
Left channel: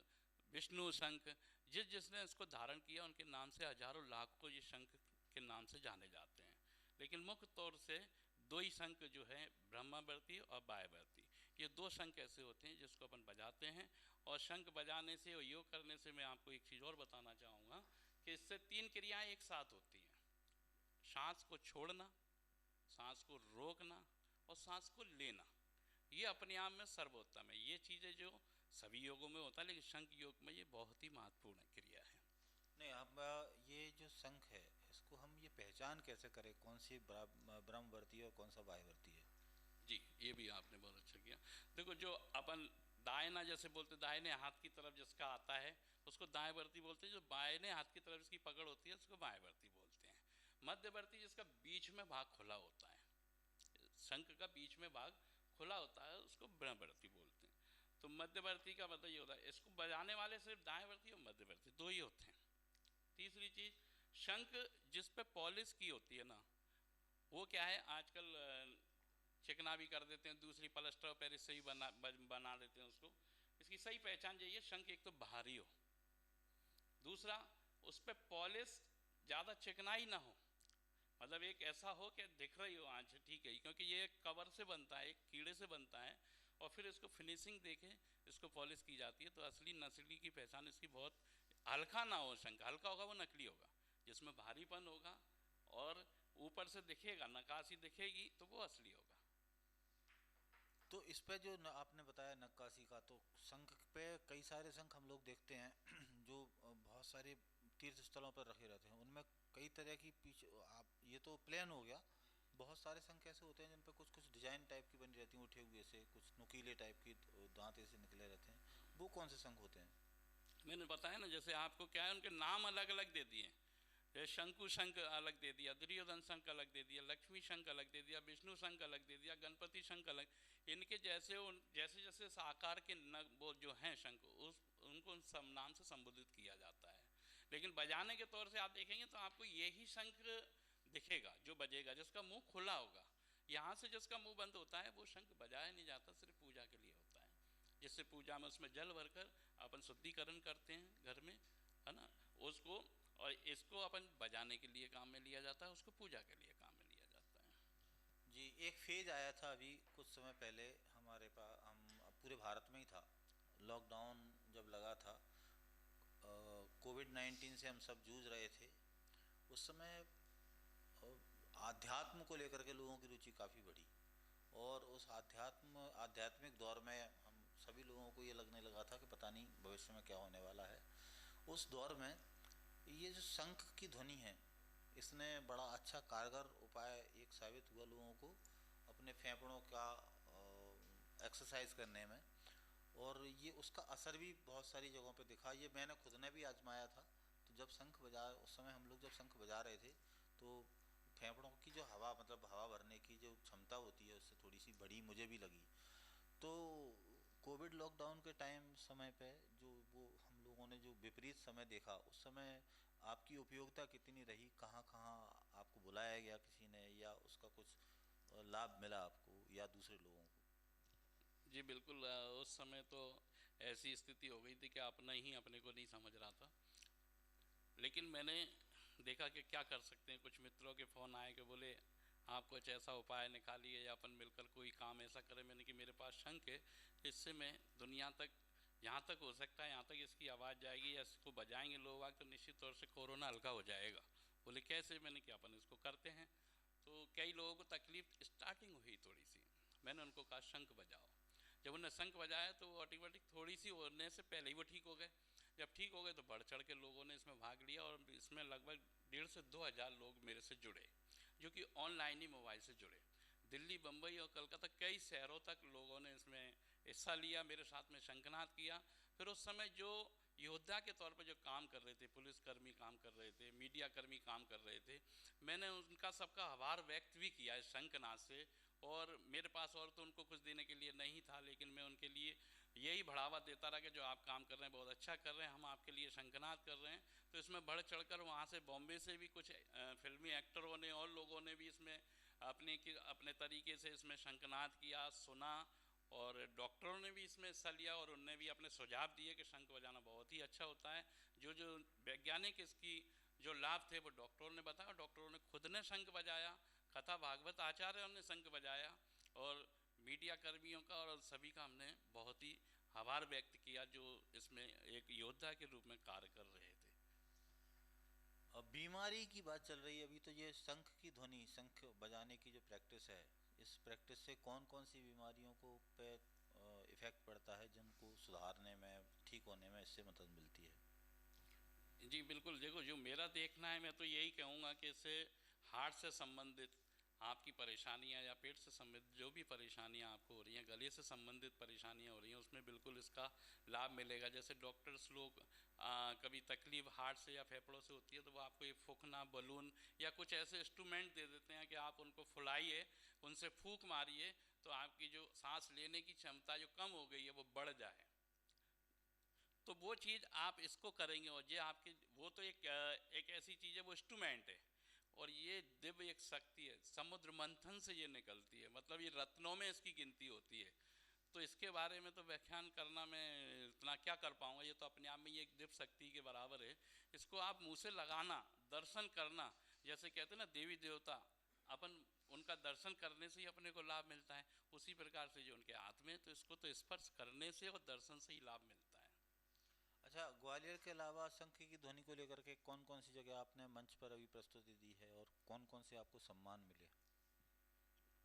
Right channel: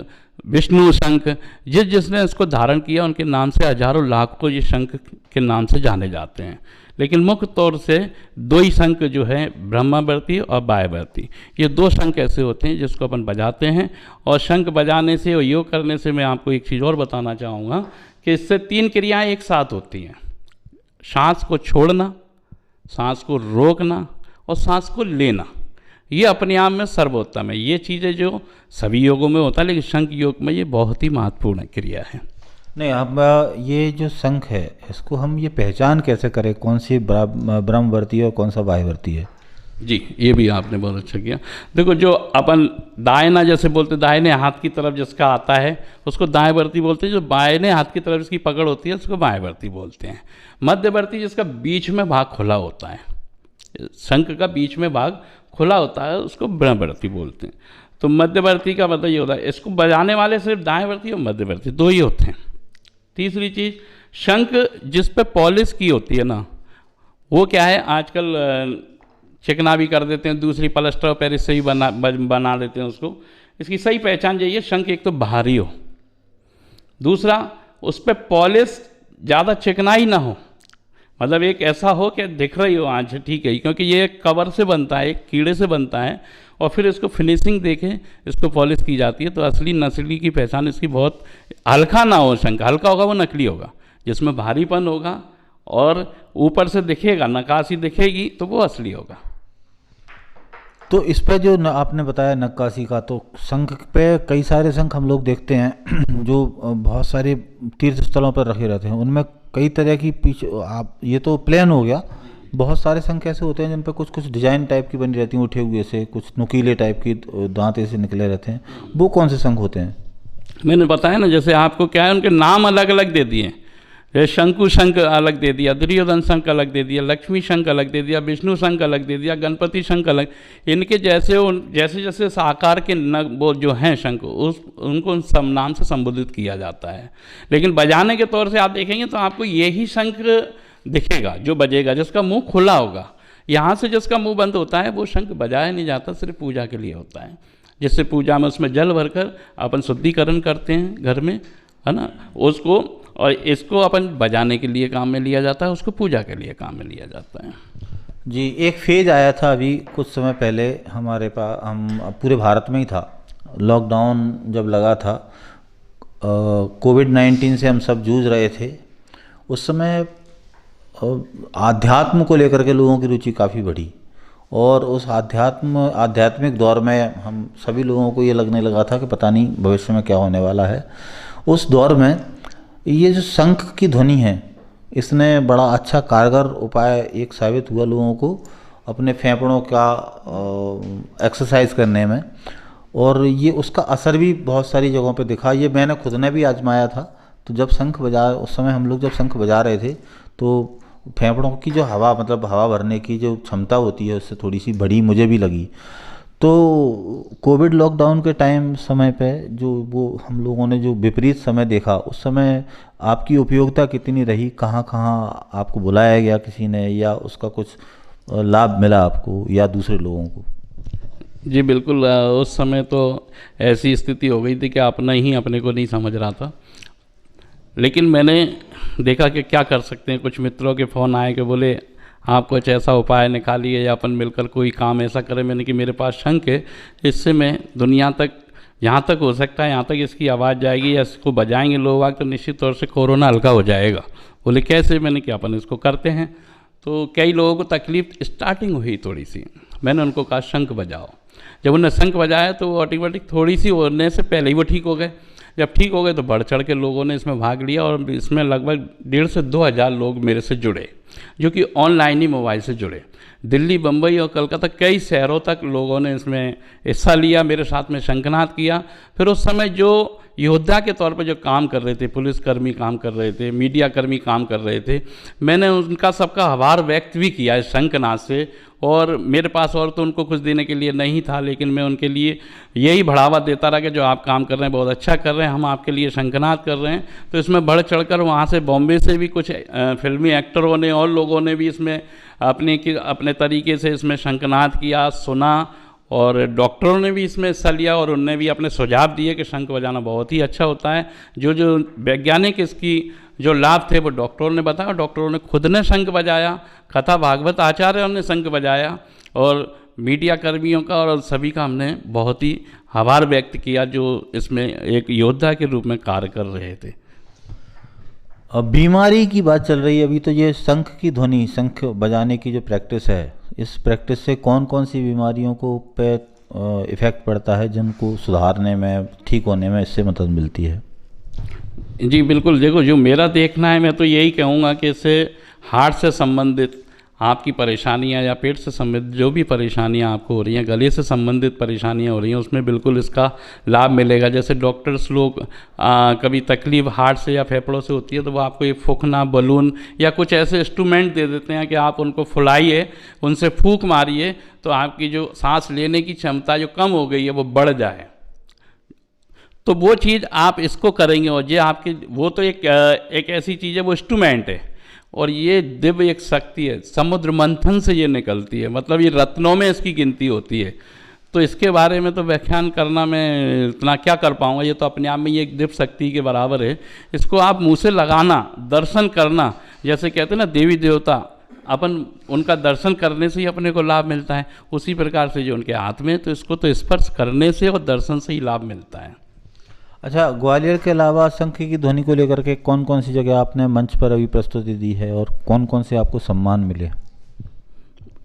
विष्णु शंख, जिसने इसको धारण किया उनके नाम से हजारों लाखों ये शंख के नाम से जाने जाते हैं। लेकिन मुख्य तौर से 2 ही शंख जो है, ब्रह्मावर्ती और वायवर्ती, ये 2 शंख ऐसे होते हैं जिसको अपन बजाते हैं। और शंख बजाने से और योग करने से मैं आपको एक चीज़ और बताना चाहूँगा कि इससे 3 क्रियाएं एक साथ होती हैं। सांस को छोड़ना, सांस को रोकना और सांस को लेना, ये अपने आप में सर्वोत्तम है। ये चीज़ें जो सभी योगों में होता है, लेकिन शंख योग में ये बहुत ही महत्वपूर्ण क्रिया है। नहीं, अब ये जो शंख है इसको हम ये पहचान कैसे करें, कौन सी ब्रह्मवर्ती है और कौन सा वायवर्ती है? जी, ये भी आपने बहुत अच्छा किया। देखो, जो अपन दायना जैसे बोलते, दाहिने हाथ की तरफ जिसका आता है उसको दाएंवर्ती बोलते हैं, जो बाएं हाथ की तरफ जिसकी पकड़ होती है उसको बाएंवर्ती बोलते हैं। मध्यवर्ती जिसका बीच में भाग खुला होता है, शंख का बीच में भाग खुला होता है, उसको ब्रह्मवर्ती बोलते हैं। तो मध्यवर्ती का मतलब ये होता है, इसको बजाने वाले सिर्फ दाएंवर्ती और मध्यवर्ती 2 ही होते हैं। तीसरी चीज़, शंख जिस पे पॉलिश की होती है ना, वो क्या है, आजकल चिकना भी कर देते हैं, दूसरी प्लास्टर ऑफ पेरिस से ही बना देते हैं उसको। इसकी सही पहचान यही है, शंख एक तो भारी हो, दूसरा उस पर पॉलिश ज़्यादा चिकनाई ना हो, मतलब एक ऐसा हो कि दिख रही हो आज ठीक है, क्योंकि ये एक कवर से बनता है, एक कीड़े से बनता है, और फिर इसको फिनिशिंग देके इसको पॉलिश की जाती है। तो असली नस्ली की पहचान इसकी बहुत, हल्का ना हो शंख, हल्का होगा वो नकली होगा, जिसमें भारीपन होगा और ऊपर से दिखेगा, नक्काशी दिखेगी, तो वो असली होगा। तो इस पे जो आपने बताया नक्काशी का, तो शंख पे कई सारे शंख हम लोग देखते हैं जो बहुत सारे तीर्थ स्थलों पर रखे रहते हैं, उनमें कई तरह की पीछे आप, ये तो प्लेन हो गया, बहुत सारे शंख ऐसे होते हैं जिन पे कुछ कुछ डिजाइन टाइप की बनी रहती हैं, उठे हुए से, कुछ नुकीले टाइप की दांत ऐसे निकले रहते हैं, वो कौन से शंख होते हैं? मैंने बताया ना, जैसे आपको क्या है, उनके नाम अलग अलग दे दिए। जैसे शंकु शंख अलग दे दिया, दुर्योधन शंख अलग दे दिया, लक्ष्मी शंख अलग दे दिया, विष्णु शंख अलग दे दिया, गणपति शंख अलग। इनके जैसे जैसे जैसे इस आकार के वो जो हैं शंख, उनको उन सब नाम से संबोधित किया जाता है। लेकिन बजाने के तौर से आप देखेंगे तो आपको यही शंख दिखेगा जो बजेगा, जिसका मुंह खुला होगा। यहाँ से जिसका मुंह बंद होता है वो शंख बजाया नहीं जाता, सिर्फ पूजा के लिए होता है। जिससे पूजा में उसमें जल भरकर अपन शुद्धिकरण करते हैं घर में, है ना, उसको, और इसको अपन बजाने के लिए काम में लिया जाता है, उसको पूजा के लिए काम में लिया जाता है। जी, एक फेज आया था अभी कुछ समय पहले हमारे पास, हम पूरे भारत में ही था, लॉकडाउन जब लगा था, कोविड-19 से हम सब जूझ रहे थे। उस समय आध्यात्म को लेकर के लोगों की रुचि काफ़ी बढ़ी, और उस आध्यात्मिक दौर में हम सभी लोगों को ये लगने लगा था कि पता नहीं भविष्य में क्या होने वाला है। उस दौर में ये जो शंख की ध्वनि है, इसने बड़ा अच्छा कारगर उपाय एक साबित हुआ लोगों को अपने फेफड़ों का एक्सरसाइज करने में, और ये उसका असर भी बहुत सारी जगहों पे दिखा। ये मैंने खुद ने भी आजमाया था। तो जब शंख बजा, उस समय हम लोग जब शंख बजा रहे थे, तो फेफड़ों की जो हवा, मतलब हवा भरने की जो क्षमता होती है, उससे थोड़ी सी बड़ी मुझे भी लगी। तो कोविड लॉकडाउन के टाइम समय पे जो वो हम लोगों ने जो विपरीत समय देखा, उस समय आपकी उपयोगिता कितनी रही? कहाँ कहाँ आपको बुलाया गया किसी ने, या उसका कुछ लाभ मिला आपको या दूसरे लोगों को? जी बिल्कुल, उस समय तो ऐसी स्थिति हो गई थी कि अपना ही अपने को नहीं समझ रहा था। लेकिन मैंने देखा कि क्या कर सकते हैं। कुछ मित्रों के फ़ोन आए कि बोले आप कुछ ऐसा उपाय निकालिए या अपन मिलकर कोई काम ऐसा करें। मैंने कि मेरे पास शंख है, इससे मैं दुनिया तक, यहाँ तक हो सकता है, यहाँ तक इसकी आवाज़ जाएगी या इसको बजाएंगे लोग आग, तो निश्चित तौर से कोरोना हल्का हो जाएगा। बोले कैसे? मैंने कि अपन इसको करते हैं। तो कई लोगों को तकलीफ स्टार्टिंग हुई थोड़ी सी, मैंने उनको कहा शंख बजाओ। जब उन्होंने शंख बजाया तो वो ऑटोमेटिक थोड़ी सी होने से पहले ही वो ठीक हो गए। जब ठीक हो गए तो बढ़ चढ़ के लोगों ने इसमें भाग लिया, और इसमें लगभग 1,500 से 2,000 लोग मेरे से जुड़े, जो कि ऑनलाइन ही मोबाइल से जुड़े। दिल्ली, बम्बई और कलकत्ता कई शहरों तक लोगों ने इसमें हिस्सा लिया, मेरे साथ में शंखनाद किया। फिर उस समय जो योद्धा के तौर पर जो काम कर रहे थे, पुलिसकर्मी काम कर रहे थे, मीडिया कर्मी काम कर रहे थे, मैंने उनका सबका आभार व्यक्त भी किया इस शंखनाद से। और मेरे पास और तो उनको कुछ देने के लिए नहीं था, लेकिन मैं उनके लिए यही बढ़ावा देता रहा कि जो आप काम कर रहे हैं बहुत अच्छा कर रहे हैं, हम आपके लिए शंखनाद कर रहे हैं। तो इसमें बढ़ चढ़कर वहाँ से बॉम्बे से भी कुछ फिल्मी एक्टरों ने और लोगों ने भी इसमें अपने तरीके से इसमें शंखनाद किया, सुना, और डॉक्टरों ने भी इसमें हिस्सा लिया, और उनने भी अपने सुझाव दिए कि शंख बजाना बहुत ही अच्छा होता है। जो वैज्ञानिक इसकी जो लाभ थे वो डॉक्टरों ने बताया, डॉक्टरों ने खुद ने शंख बजाया, कथा भागवत आचार्यों ने शंख बजाया, और मीडिया कर्मियों का और सभी का हमने बहुत ही आभार व्यक्त किया जो इसमें एक योद्धा के रूप में कार्य कर रहे थे। अब बीमारी की बात चल रही है अभी, तो ये शंख की ध्वनि, शंख बजाने की जो प्रैक्टिस है, इस प्रैक्टिस से कौन कौन सी बीमारियों को पे इफ़ेक्ट पड़ता है, जिनको सुधारने में, ठीक होने में इससे मदद मिलती है? जी बिल्कुल, देखो जो मेरा देखना है, मैं तो यही कहूँगा कि इससे हार्ट से संबंधित आपकी परेशानियां या पेट से संबंधित जो भी परेशानियां आपको हो रही हैं, गले से संबंधित परेशानियां हो रही हैं, उसमें बिल्कुल इसका लाभ मिलेगा। जैसे डॉक्टर्स लोग कभी तकलीफ हार्ट से या फेफड़ों से होती है तो वो आपको एक फूंकना बलून या कुछ ऐसे इंस्ट्रूमेंट दे देते हैं कि आप उनको फुलाइए, उनसे फूंक मारिए, तो आपकी जो सांस लेने की क्षमता जो कम हो गई है वो बढ़ जाए। तो वो चीज़ आप इसको करेंगे, और ये आपकी वो तो एक ऐसी चीज़ है, वो इंस्ट्रूमेंट है, और ये दिव्य एक शक्ति है, समुद्र मंथन से ये निकलती है, मतलब ये रत्नों में इसकी गिनती होती है। तो इसके बारे में तो व्याख्यान करना मैं इतना क्या कर पाऊँगा, ये तो अपने आप में ये एक दिव्य शक्ति के बराबर है। इसको आप मुँह से लगाना, दर्शन करना, जैसे कहते हैं ना देवी देवता, अपन उनका दर्शन करने से ही अपने को लाभ मिलता है, उसी प्रकार से जो उनके हाथ में है तो इसको तो स्पर्श करने से और दर्शन से ही लाभ मिलता है। अच्छा, ग्वालियर के अलावा शंख की ध्वनि को लेकर के कौन कौन सी जगह आपने मंच पर अभी प्रस्तुति दी है और कौन कौन से आपको सम्मान मिले?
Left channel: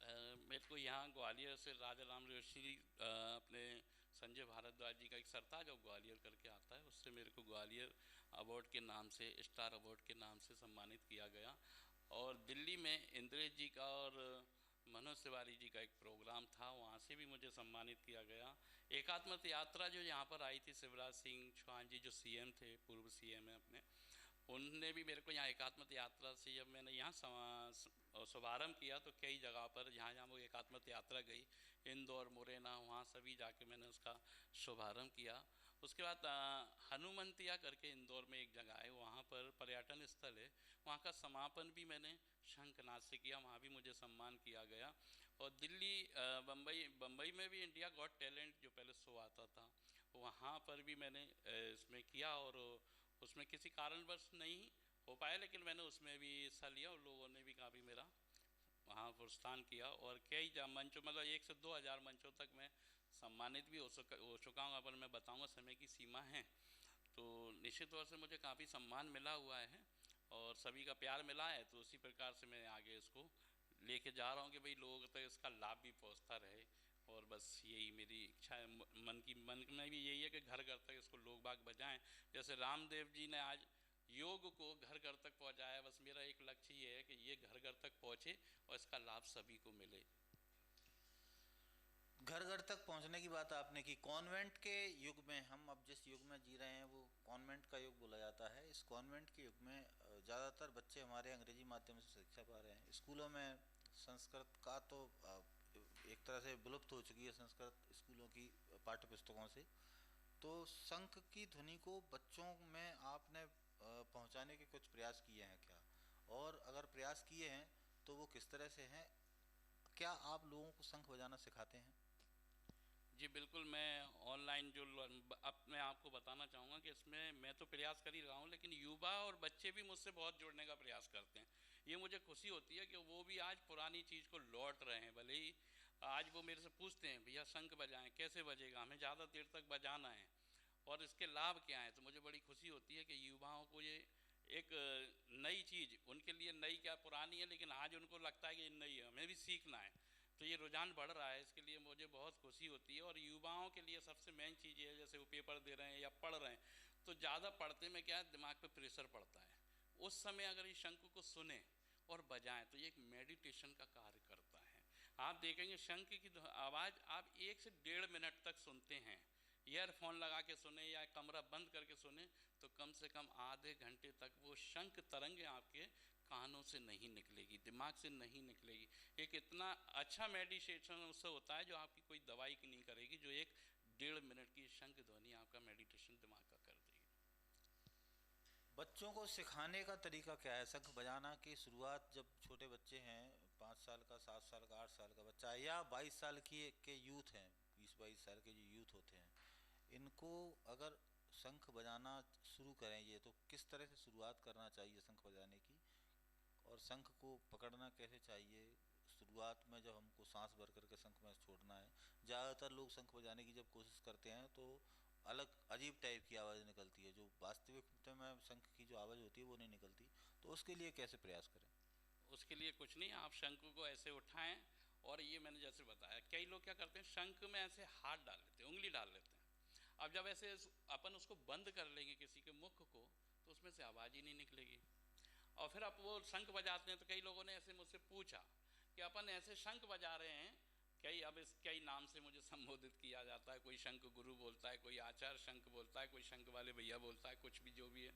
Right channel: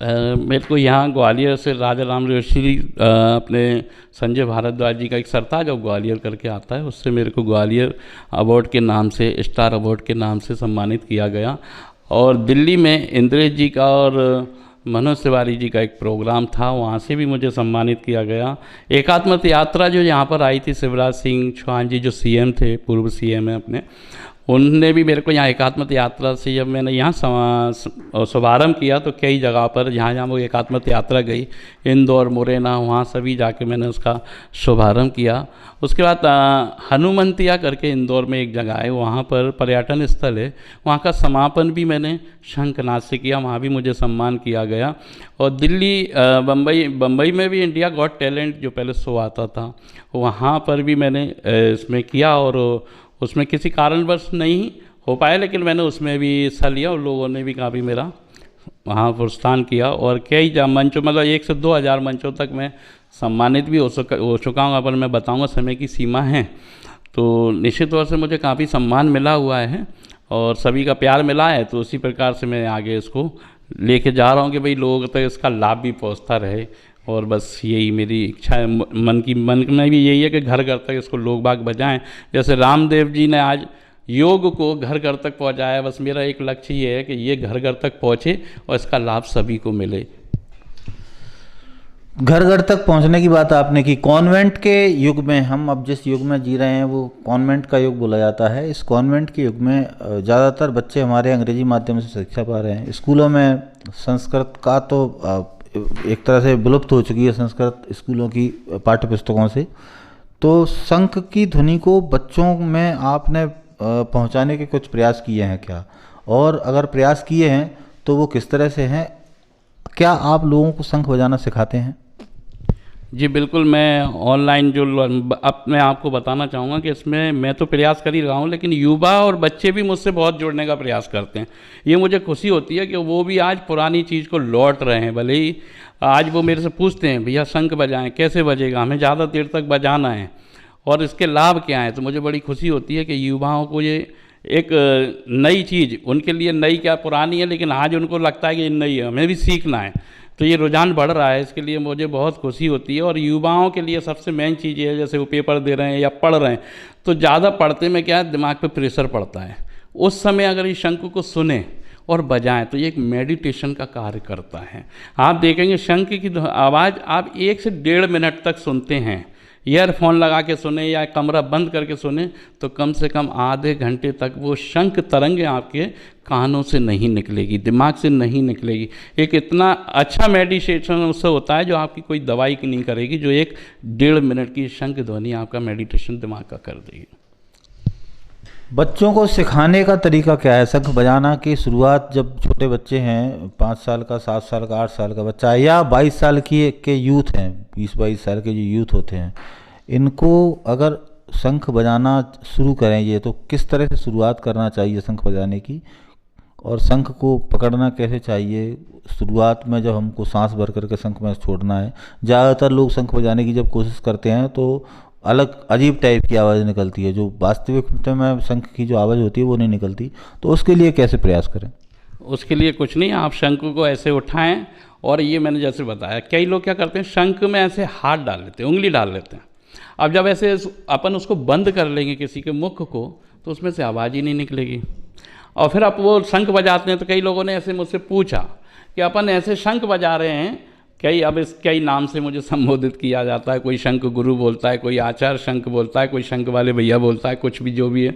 मेरे को यहाँ ग्वालियर से राजा राम ऋषि अपने संजय भारद्वाज जी का एक सरताज जो ग्वालियर करके आता है, उससे मेरे को ग्वालियर अवार्ड के नाम से, स्टार अवार्ड के नाम से सम्मानित किया गया। और दिल्ली में इंद्रेश जी का और मनोज तिवारी जी का एक प्रोग्राम था, वहाँ से भी मुझे सम्मानित किया गया। एकात्मत यात्रा जो यहाँ पर आई थी, शिवराज सिंह चौहान जी जो सीएम थे, पूर्व सीएम है अपने, उनने भी मेरे को यहाँ एकात्मत यात्रा से जब मैंने यहाँ शुभारम्भ किया तो कई जगह पर जहाँ जहाँ वो एकात्मत यात्रा गई, इंदौर, मुरैना, वहाँ सभी जाके मैंने उसका शुभारम्भ किया। उसके बाद हनुमंतिया करके इंदौर में एक जगह है, वहाँ पर पर्यटन स्थल है, वहाँ का समापन भी मैंने शंखनाद से किया, वहाँ भी मुझे सम्मान किया गया। और दिल्ली, बम्बई में भी इंडिया गॉट टैलेंट जो पहले शो आता था, वहाँ पर भी मैंने इसमें किया और उसमें किसी कारणवश नहीं हो पाया, लेकिन मैंने उसमें भी हिस्सा लिया और लोगों ने भी काफ़ी मेरा वहाँ प्रोत्साहन किया। और कई मंचों, मतलब 1 से 2 हज़ार मंचों तक मैं सम्मानित भी हो चुका हूँ, पर मैं बताऊँगा समय की सीमा है। तो निश्चित तौर से मुझे काफ़ी सम्मान मिला हुआ है और सभी का प्यार मिला है, तो उसी प्रकार से मैं आगे इसको लेके जा रहा हूँ कि भाई लोगों तक इसका लाभ भी पहुँचता रहे। और बस यही मेरी इच्छा है, मन में भी यही है कि घर घर तक इसको लोग बाग बजाएं। जैसे रामदेव जी ने आज योग को घर घर तक पहुंचाया, बस मेरा एक लक्ष्य ये है कि ये घर घर तक पहुंचे और इसका लाभ सभी को मिले। घर घर तक पहुंचने की बात आपने की। कॉन्वेंट के युग में, हम अब जिस युग में जी रहे हैं वो कॉन्वेंट का युग बोला जाता है। इस कॉन्वेंट के युग में ज़्यादातर बच्चे हमारे अंग्रेजी माध्यम से शिक्षा पा रहे हैं। स्कूलों में संस्कृत का तो एक तरह से विलुप्त हो चुकी है, संस्कृत स्कूलों की पाठ्य पुस्तकों से। तो शंख की ध्वनि को बच्चों में आपने पहुंचाने के कुछ प्रयास किए हैं क्या? और अगर प्रयास किए हैं तो वो किस तरह से हैं? क्या आप लोगों को शंख बजाना सिखाते हैं? जी बिल्कुल, मैं ऑनलाइन जो अब मैं आपको बताना चाहूँगा कि इसमें मैं तो प्रयास कर ही रहा हूँ, लेकिन युवा और बच्चे भी मुझसे बहुत जुड़ने का प्रयास करते हैं। ये मुझे खुशी होती है कि वो भी आज पुरानी चीज़ को लौट रहे हैं। भले ही आज वो मेरे से पूछते हैं, भैया शंख बजाएं, कैसे बजेगा, हमें ज़्यादा देर तक बजाना है और इसके लाभ क्या हैं। तो मुझे बड़ी खुशी होती है कि युवाओं को ये एक नई चीज़, उनके लिए नई क्या पुरानी है, लेकिन आज उनको लगता है कि ये नई है, हमें भी सीखना है। तो ये रुझान बढ़ रहा है, इसके लिए मुझे बहुत खुशी होती है। और युवाओं के लिए सबसे मेन चीज़ ये है, जैसे वो पेपर दे रहे हैं या पढ़ रहे हैं, तो ज़्यादा पढ़ते में क्या है, दिमाग पे प्रेशर पड़ता है। उस समय अगर इस शंख को सुने और बजाएं तो ये एक मेडिटेशन का कार्य करता है। आप देखेंगे शंख की आवाज़ आप 1 से 1.5 मिनट तक सुनते हैं, ईयरफोन लगा के सुने या कमरा बंद करके सुने, तो कम से कम आधे घंटे तक वो शंख तरंगें आपके कानों से नहीं निकलेगी, दिमाग से नहीं निकलेगी। एक इतना अच्छा मेडिटेशन उससे होता है जो आपकी कोई दवाई की नहीं करेगी, जो 1-1.5 मिनट की शंख ध्वनि आपका मेडिटेशन दिमाग का कर देगी। बच्चों को सिखाने का तरीका क्या है? शंख बजाना की शुरुआत जब छोटे बच्चे हैं, 5 साल का, 7 साल का, 8 साल का बच्चा या 22 साल के यूथ हैं, 20-22 साल के जो यूथ होते हैं, इनको अगर शंख बजाना शुरू करेंगे तो किस तरह से शुरुआत करना चाहिए शंख बजाने की? और शंख को पकड़ना कैसे चाहिए? शुरुआत में जब हमको सांस भर करके शंख में छोड़ना है, ज़्यादातर लोग शंख बजाने की जब कोशिश करते हैं तो अलग अजीब टाइप की आवाज़ निकलती है, जो वास्तविक में शंख की जो आवाज़ होती है वो नहीं निकलती। तो उसके लिए कैसे प्रयास करें? उसके लिए कुछ नहीं, आप शंख को ऐसे उठाएं और ये मैंने जैसे बताया, कई लोग क्या करते हैं, शंख में ऐसे हाथ डाल लेते हैं, उंगली डाल लेते हैं। अब जब ऐसे अपन उसको बंद कर लेंगे किसी के मुख को, तो उसमें से आवाज़ ही नहीं निकलेगी। और फिर आप वो शंख बजाते हैं, तो कई लोगों ने ऐसे मुझसे पूछा कि अपन ऐसे शंख बजा रहे हैं, कई नाम से मुझे संबोधित किया जाता है, कोई शंख गुरु बोलता है, कोई आचार्य शंख बोलता है, कोई शंख वाले भैया बोलता है, कुछ भी जो भी है।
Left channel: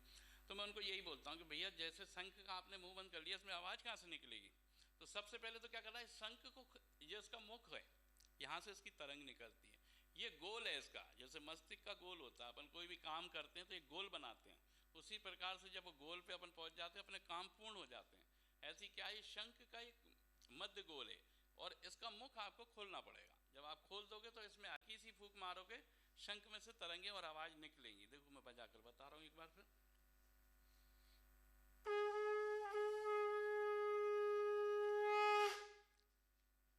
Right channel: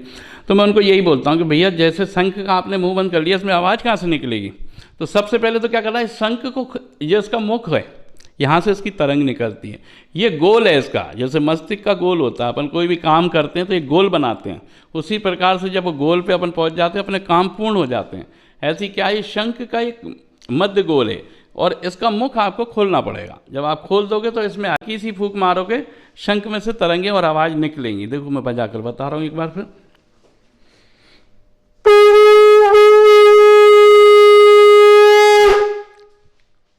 तो मैं उनको यही बोलता हूँ कि भैया जैसे शंख का आपने मुंह बंद कर लिया, इसमें आवाज़ कहाँ से निकलेगी? तो सबसे पहले तो क्या करना है, शंख को, ये इसका मुख है, यहाँ से इसकी तरंग निकलती है, ये गोल है इसका, जैसे मस्तिष्क का गोल होता है, अपन कोई भी काम करते हैं तो एक गोल बनाते हैं, उसी प्रकार से जब गोल पे अपन पहुँच जाते हैं अपने काम पूर्ण हो जाते हैं। ऐसी क्या है, शंख का एक मध्य गोल है और इसका मुख आपको खोलना पड़ेगा। जब आप खोल दोगे तो इसमें हल्की सी फूंक मारोगे, शंख में से तरंगे और आवाज़ निकलेंगी। देखो मैं बजाकर बता रहा हूँ एक बार फिर।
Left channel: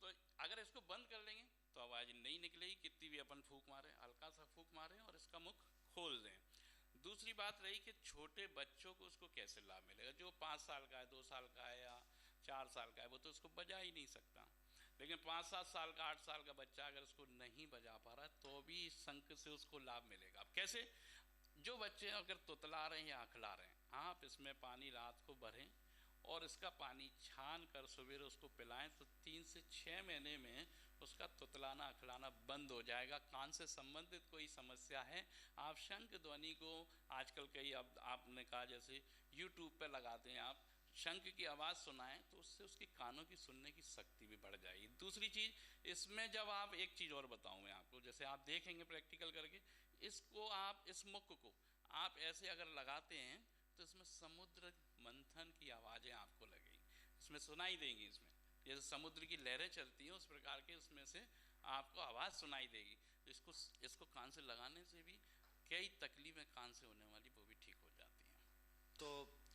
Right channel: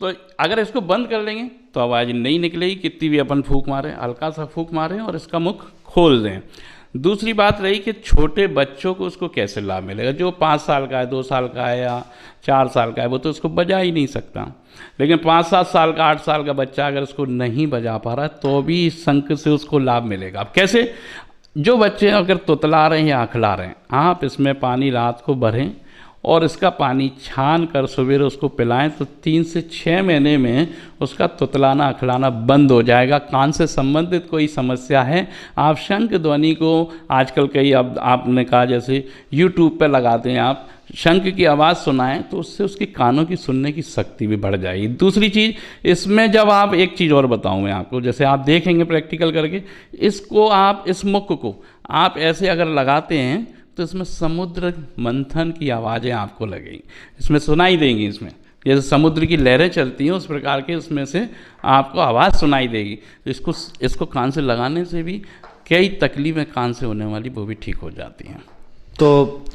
तो अगर इसको बंद कर लेंगे तो आवाज़ नहीं निकलेगी, कितनी भी अपन फूंक मारें, हल्का सा फूंक मारें और इसका मुख खोल दें। दूसरी बात रही कि छोटे बच्चों को उसको कैसे लाभ मिलेगा। जो 5 साल का है, 2 साल का है या 4 साल का है, वो तो उसको बजा ही नहीं सकता। लेकिन 5-7 साल का, 8 साल का बच्चा अगर उसको नहीं बजा पा रहा तो भी इस शंख से उसको लाभ मिलेगा। अब कैसे? जो बच्चे अगर तुतला रहे हैं या अखला रहे हैं, आप इसमें पानी रात को भरें और इसका पानी छान कर सवेरे उसको पिलाएं तो 3 से 6 महीने में उसका तुतलाना अखलाना बंद हो जाएगा। कान से संबंधित कोई समस्या है, आप शंख ध्वनि को आजकल कई, अब आपने कहा जैसे यूट्यूब पे लगाते हैं, आप शंख की आवाज़ सुनाएं तो उससे उसके कानों की सुनने की शक्ति भी बढ़ जाएगी। दूसरी चीज़ इसमें, जब आप, एक चीज़ और बताऊं मैं आपको, जैसे आप देखेंगे प्रैक्टिकल करके, इसको आप, इस मुख को आप ऐसे अगर लगाते हैं तो इसमें समुद्र मंथन की आवाज़ें आपको लगेंगी, इसमें सुनाई देंगी। इसमें जैसे समुद्र की लहरें चलती हैं उस प्रकार के इसमें से आपको आवाज़ सुनाई देगी। तो इसको कान से लगाने से भी कई तकलीफ़ें कान से होने वाली वो भी ठीक हो जाती हैं। तो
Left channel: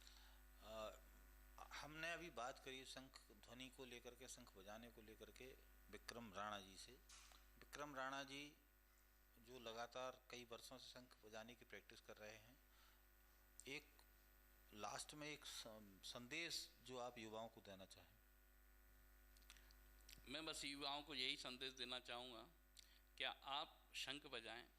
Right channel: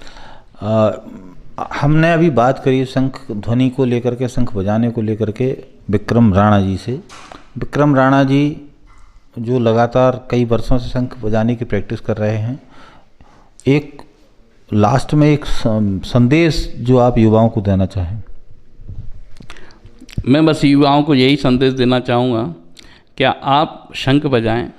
हमने अभी बात करी शंख ध्वनि को लेकर के, शंख बजाने को लेकर के विक्रम राणा जी से। विक्रम राणा जी जो लगातार कई वर्षों से शंख बजाने की प्रैक्टिस कर रहे हैं, एक लास्ट में एक संदेश जो आप युवाओं को देना चाहें। मैं बस युवाओं को यही संदेश देना चाहूँगा, क्या आप शंख बजाएं,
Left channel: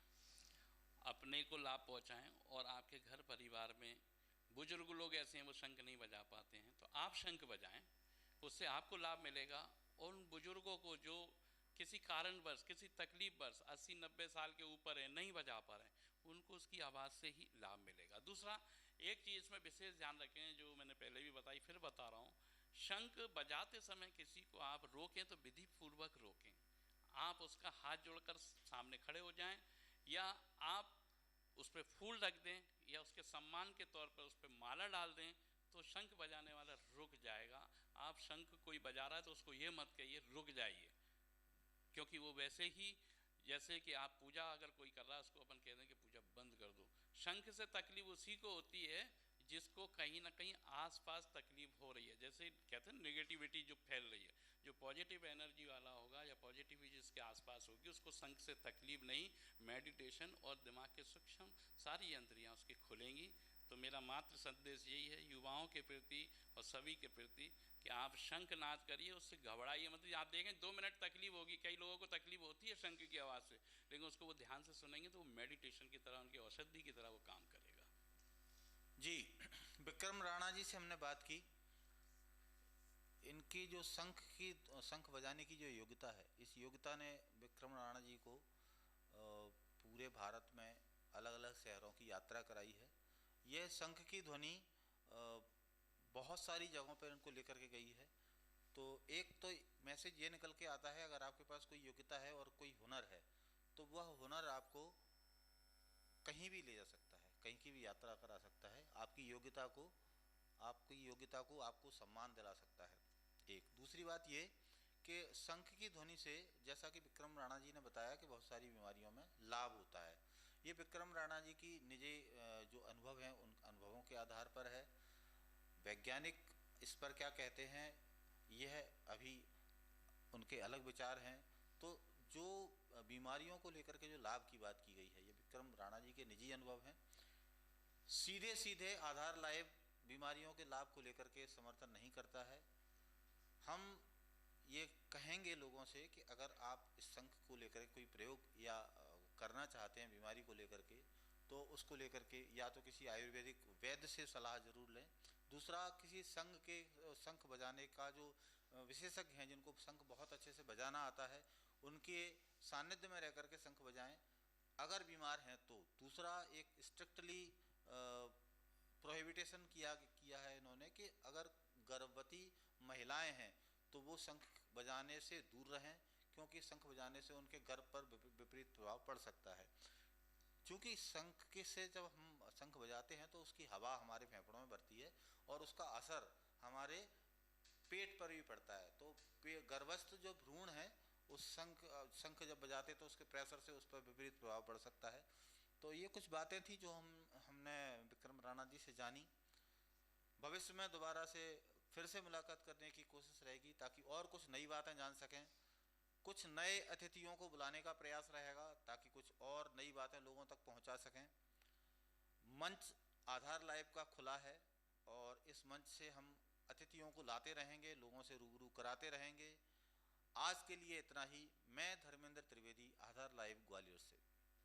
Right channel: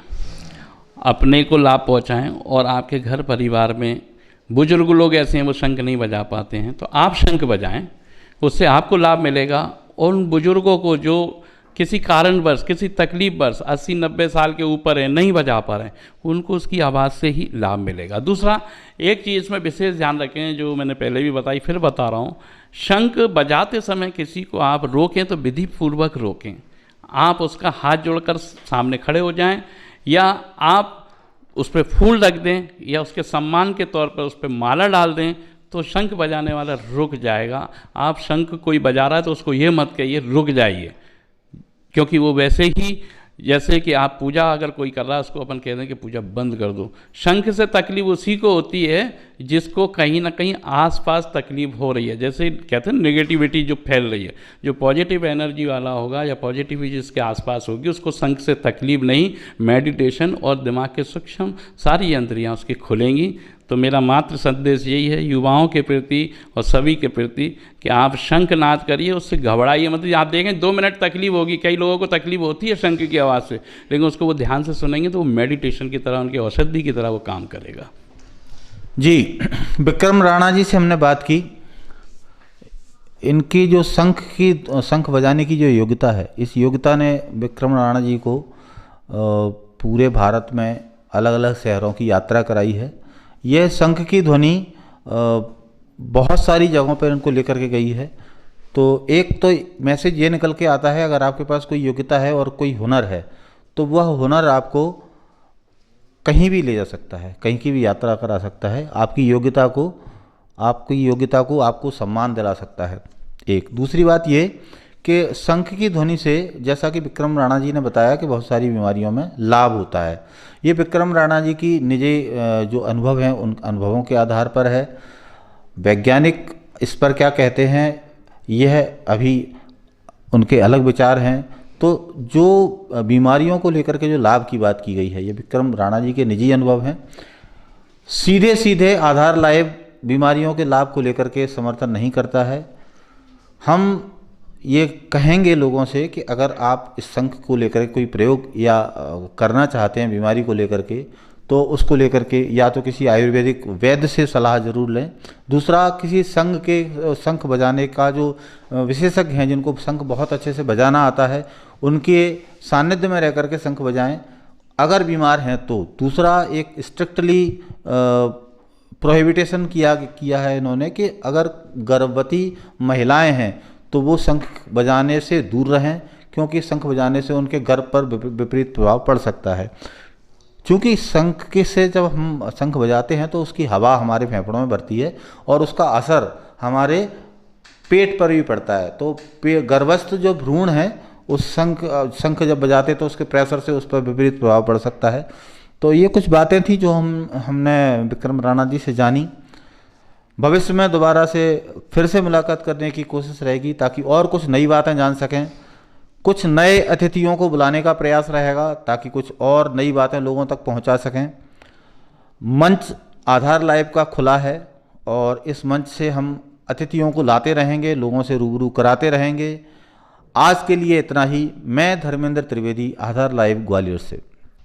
अपने को लाभ पहुँचाएं और आपके घर परिवार में बुजुर्ग लोग ऐसे हैं वो शंख नहीं बजा पाते हैं, तो आप शंख बजाएं, उससे आपको लाभ मिलेगा। और उन बुजुर्गों को जो किसी कारणवश, किसी तकलीफवश 80-90 साल के ऊपर है, नहीं बजा पा रहे हैं, उनको उसकी आवाज़ से ही लाभ मिलेगा। दूसरा, एक चीज़ इसमें विशेष ध्यान रखें, जो मैंने पहले भी बताई, फिर बता रहा हूँ, शंख बजाते समय किसी को आप रोकें तो विधि पूर्वक रोकें। आप उसका हाथ जोड़कर सामने खड़े हो जाएं, या आप उस पर फूल रख दें, या उसके सम्मान के तौर पर उस पर माला डाल दें, तो शंख बजाने वाला रुक जाएगा। आप शंख कोई बजा रहा है तो उसको ये मत कहिए रुक जाइए, क्योंकि वो वैसे ही, जैसे कि आप पूजा अगर कोई कर रहा है उसको अपन कह दें कि पूजा बंद कर दो। शंख से तकलीफ उसी को होती है जिसको कहीं ना कहीं आसपास तकलीफ हो रही है। जैसे कहते हैं नेगेटिविटी जो फैल रही है, जो पॉजिटिव एनर्जी वाला होगा या पॉजिटिविटी जिसके आसपास होगी, उसको शंख से तकलीफ नहीं, मेडिटेशन और दिमाग के सूक्ष्म सारी यंत्रियाँ उसकी खुलेंगी। तो मेरा मात्र संदेश यही है युवाओं के प्रति और सभी के प्रति कि आप शंखनाद करिए, उससे घबराइए। मतलब आप देखें 2 मिनट तकलीफ होगी, कई लोगों को तकलीफ होती है शंख की आवाज़ से, लेकिन उसको वो ध्यान से सुनेंगे तो वो मेडिटेशन की तरह, उनकी औषधि की तरह वो काम करेगा। जी, विक्रम राणा जी से हमने बात की। इनकी जो शंख बजाने की जो योग्यता है, इस योग्यता ने विक्रम राणा जी को पूरे भारत में अलग अलग शहरों की यात्रा कराई है। यह शंख की ध्वनि बहुत सारी जगहों पर इनको लेकर के गई है। तो एक तो मैसेज ये निकल के आता है, अगर आपके पास कोई योग्यता है और कोई हुनर है तो वह हुनर आपको कहीं भी ले जा सकता है, कहीं की भी यात्रा करा सकता है, आपकी योग्यता को आपको सम्मान दिला सकता है। एक दूसरी बात ये कि शंख की ध्वनि से, जैसा कि विक्रम राणा जी ने बताया, कि बहुत सारी बीमारियों में लाभ होता है। ये विक्रम राणा जी की निजी जो अनुभव हैं, उन अनुभवों के आधार पर है। वैज्ञानिक इस पर क्या कहते हैं, यह अभी उनके अलग विचार हैं। तो जो बीमारियों को लेकर के जो लाभ की बात की गई है, ये विक्रम राणा जी के निजी अनुभव हैं। सीधे सीधे आधार लाइव बीमारियों के लाभ को लेकर के समर्थन नहीं करता है। हम ये कहेंगे लोगों से कि अगर आप इस शंख को लेकर कोई प्रयोग या करना चाहते हैं बीमारी को लेकर के, तो उसको लेकर के या तो किसी आयुर्वेदिक वैद्य से सलाह जरूर लें। दूसरा, किसी शंख बजाने का जो विशेषज्ञ हैं, जिनको शंख बहुत अच्छे से बजाना आता है, उनके सानिध्य में रह करके शंख बजाएं अगर बीमार हैं तो। दूसरा, एक स्ट्रिक्टली प्रोहिबिटेशन किया है इन्होंने कि अगर गर्भवती महिलाएं हैं तो वो शंख बजाने से दूर रहें, क्योंकि शंख बजाने से उनके गर्भ पर विपरीत प्रभाव पड़ सकता है। क्योंकि शंख से जब हम शंख बजाते हैं तो उसकी हवा हमारे फेफड़ों में भरती है और उसका असर हमारे पेट पर भी पड़ता है। तो गर्भस्थ जो भ्रूण है उस शंख जब बजाते तो उसके प्रेशर से उस पर विपरीत प्रभाव पड़ सकता है। तो ये कुछ बातें थी जो हमने विक्रम राणा जी से जानी। भविष्य में दोबारा से फिर से मुलाकात करने की कोशिश रहेगी ताकि और कुछ नई बातें जान सकें। कुछ नए अतिथियों को बुलाने का प्रयास रहेगा ताकि कुछ और नई बातें लोगों तक पहुंचा सकें। मंच आधार लाइव का खुला है और इस मंच से हम अतिथियों को लाते रहेंगे, लोगों से रूबरू कराते रहेंगे। आज के लिए इतना ही। मैं धर्मेंद्र त्रिवेदी, आधार लाइव ग्वालियर से।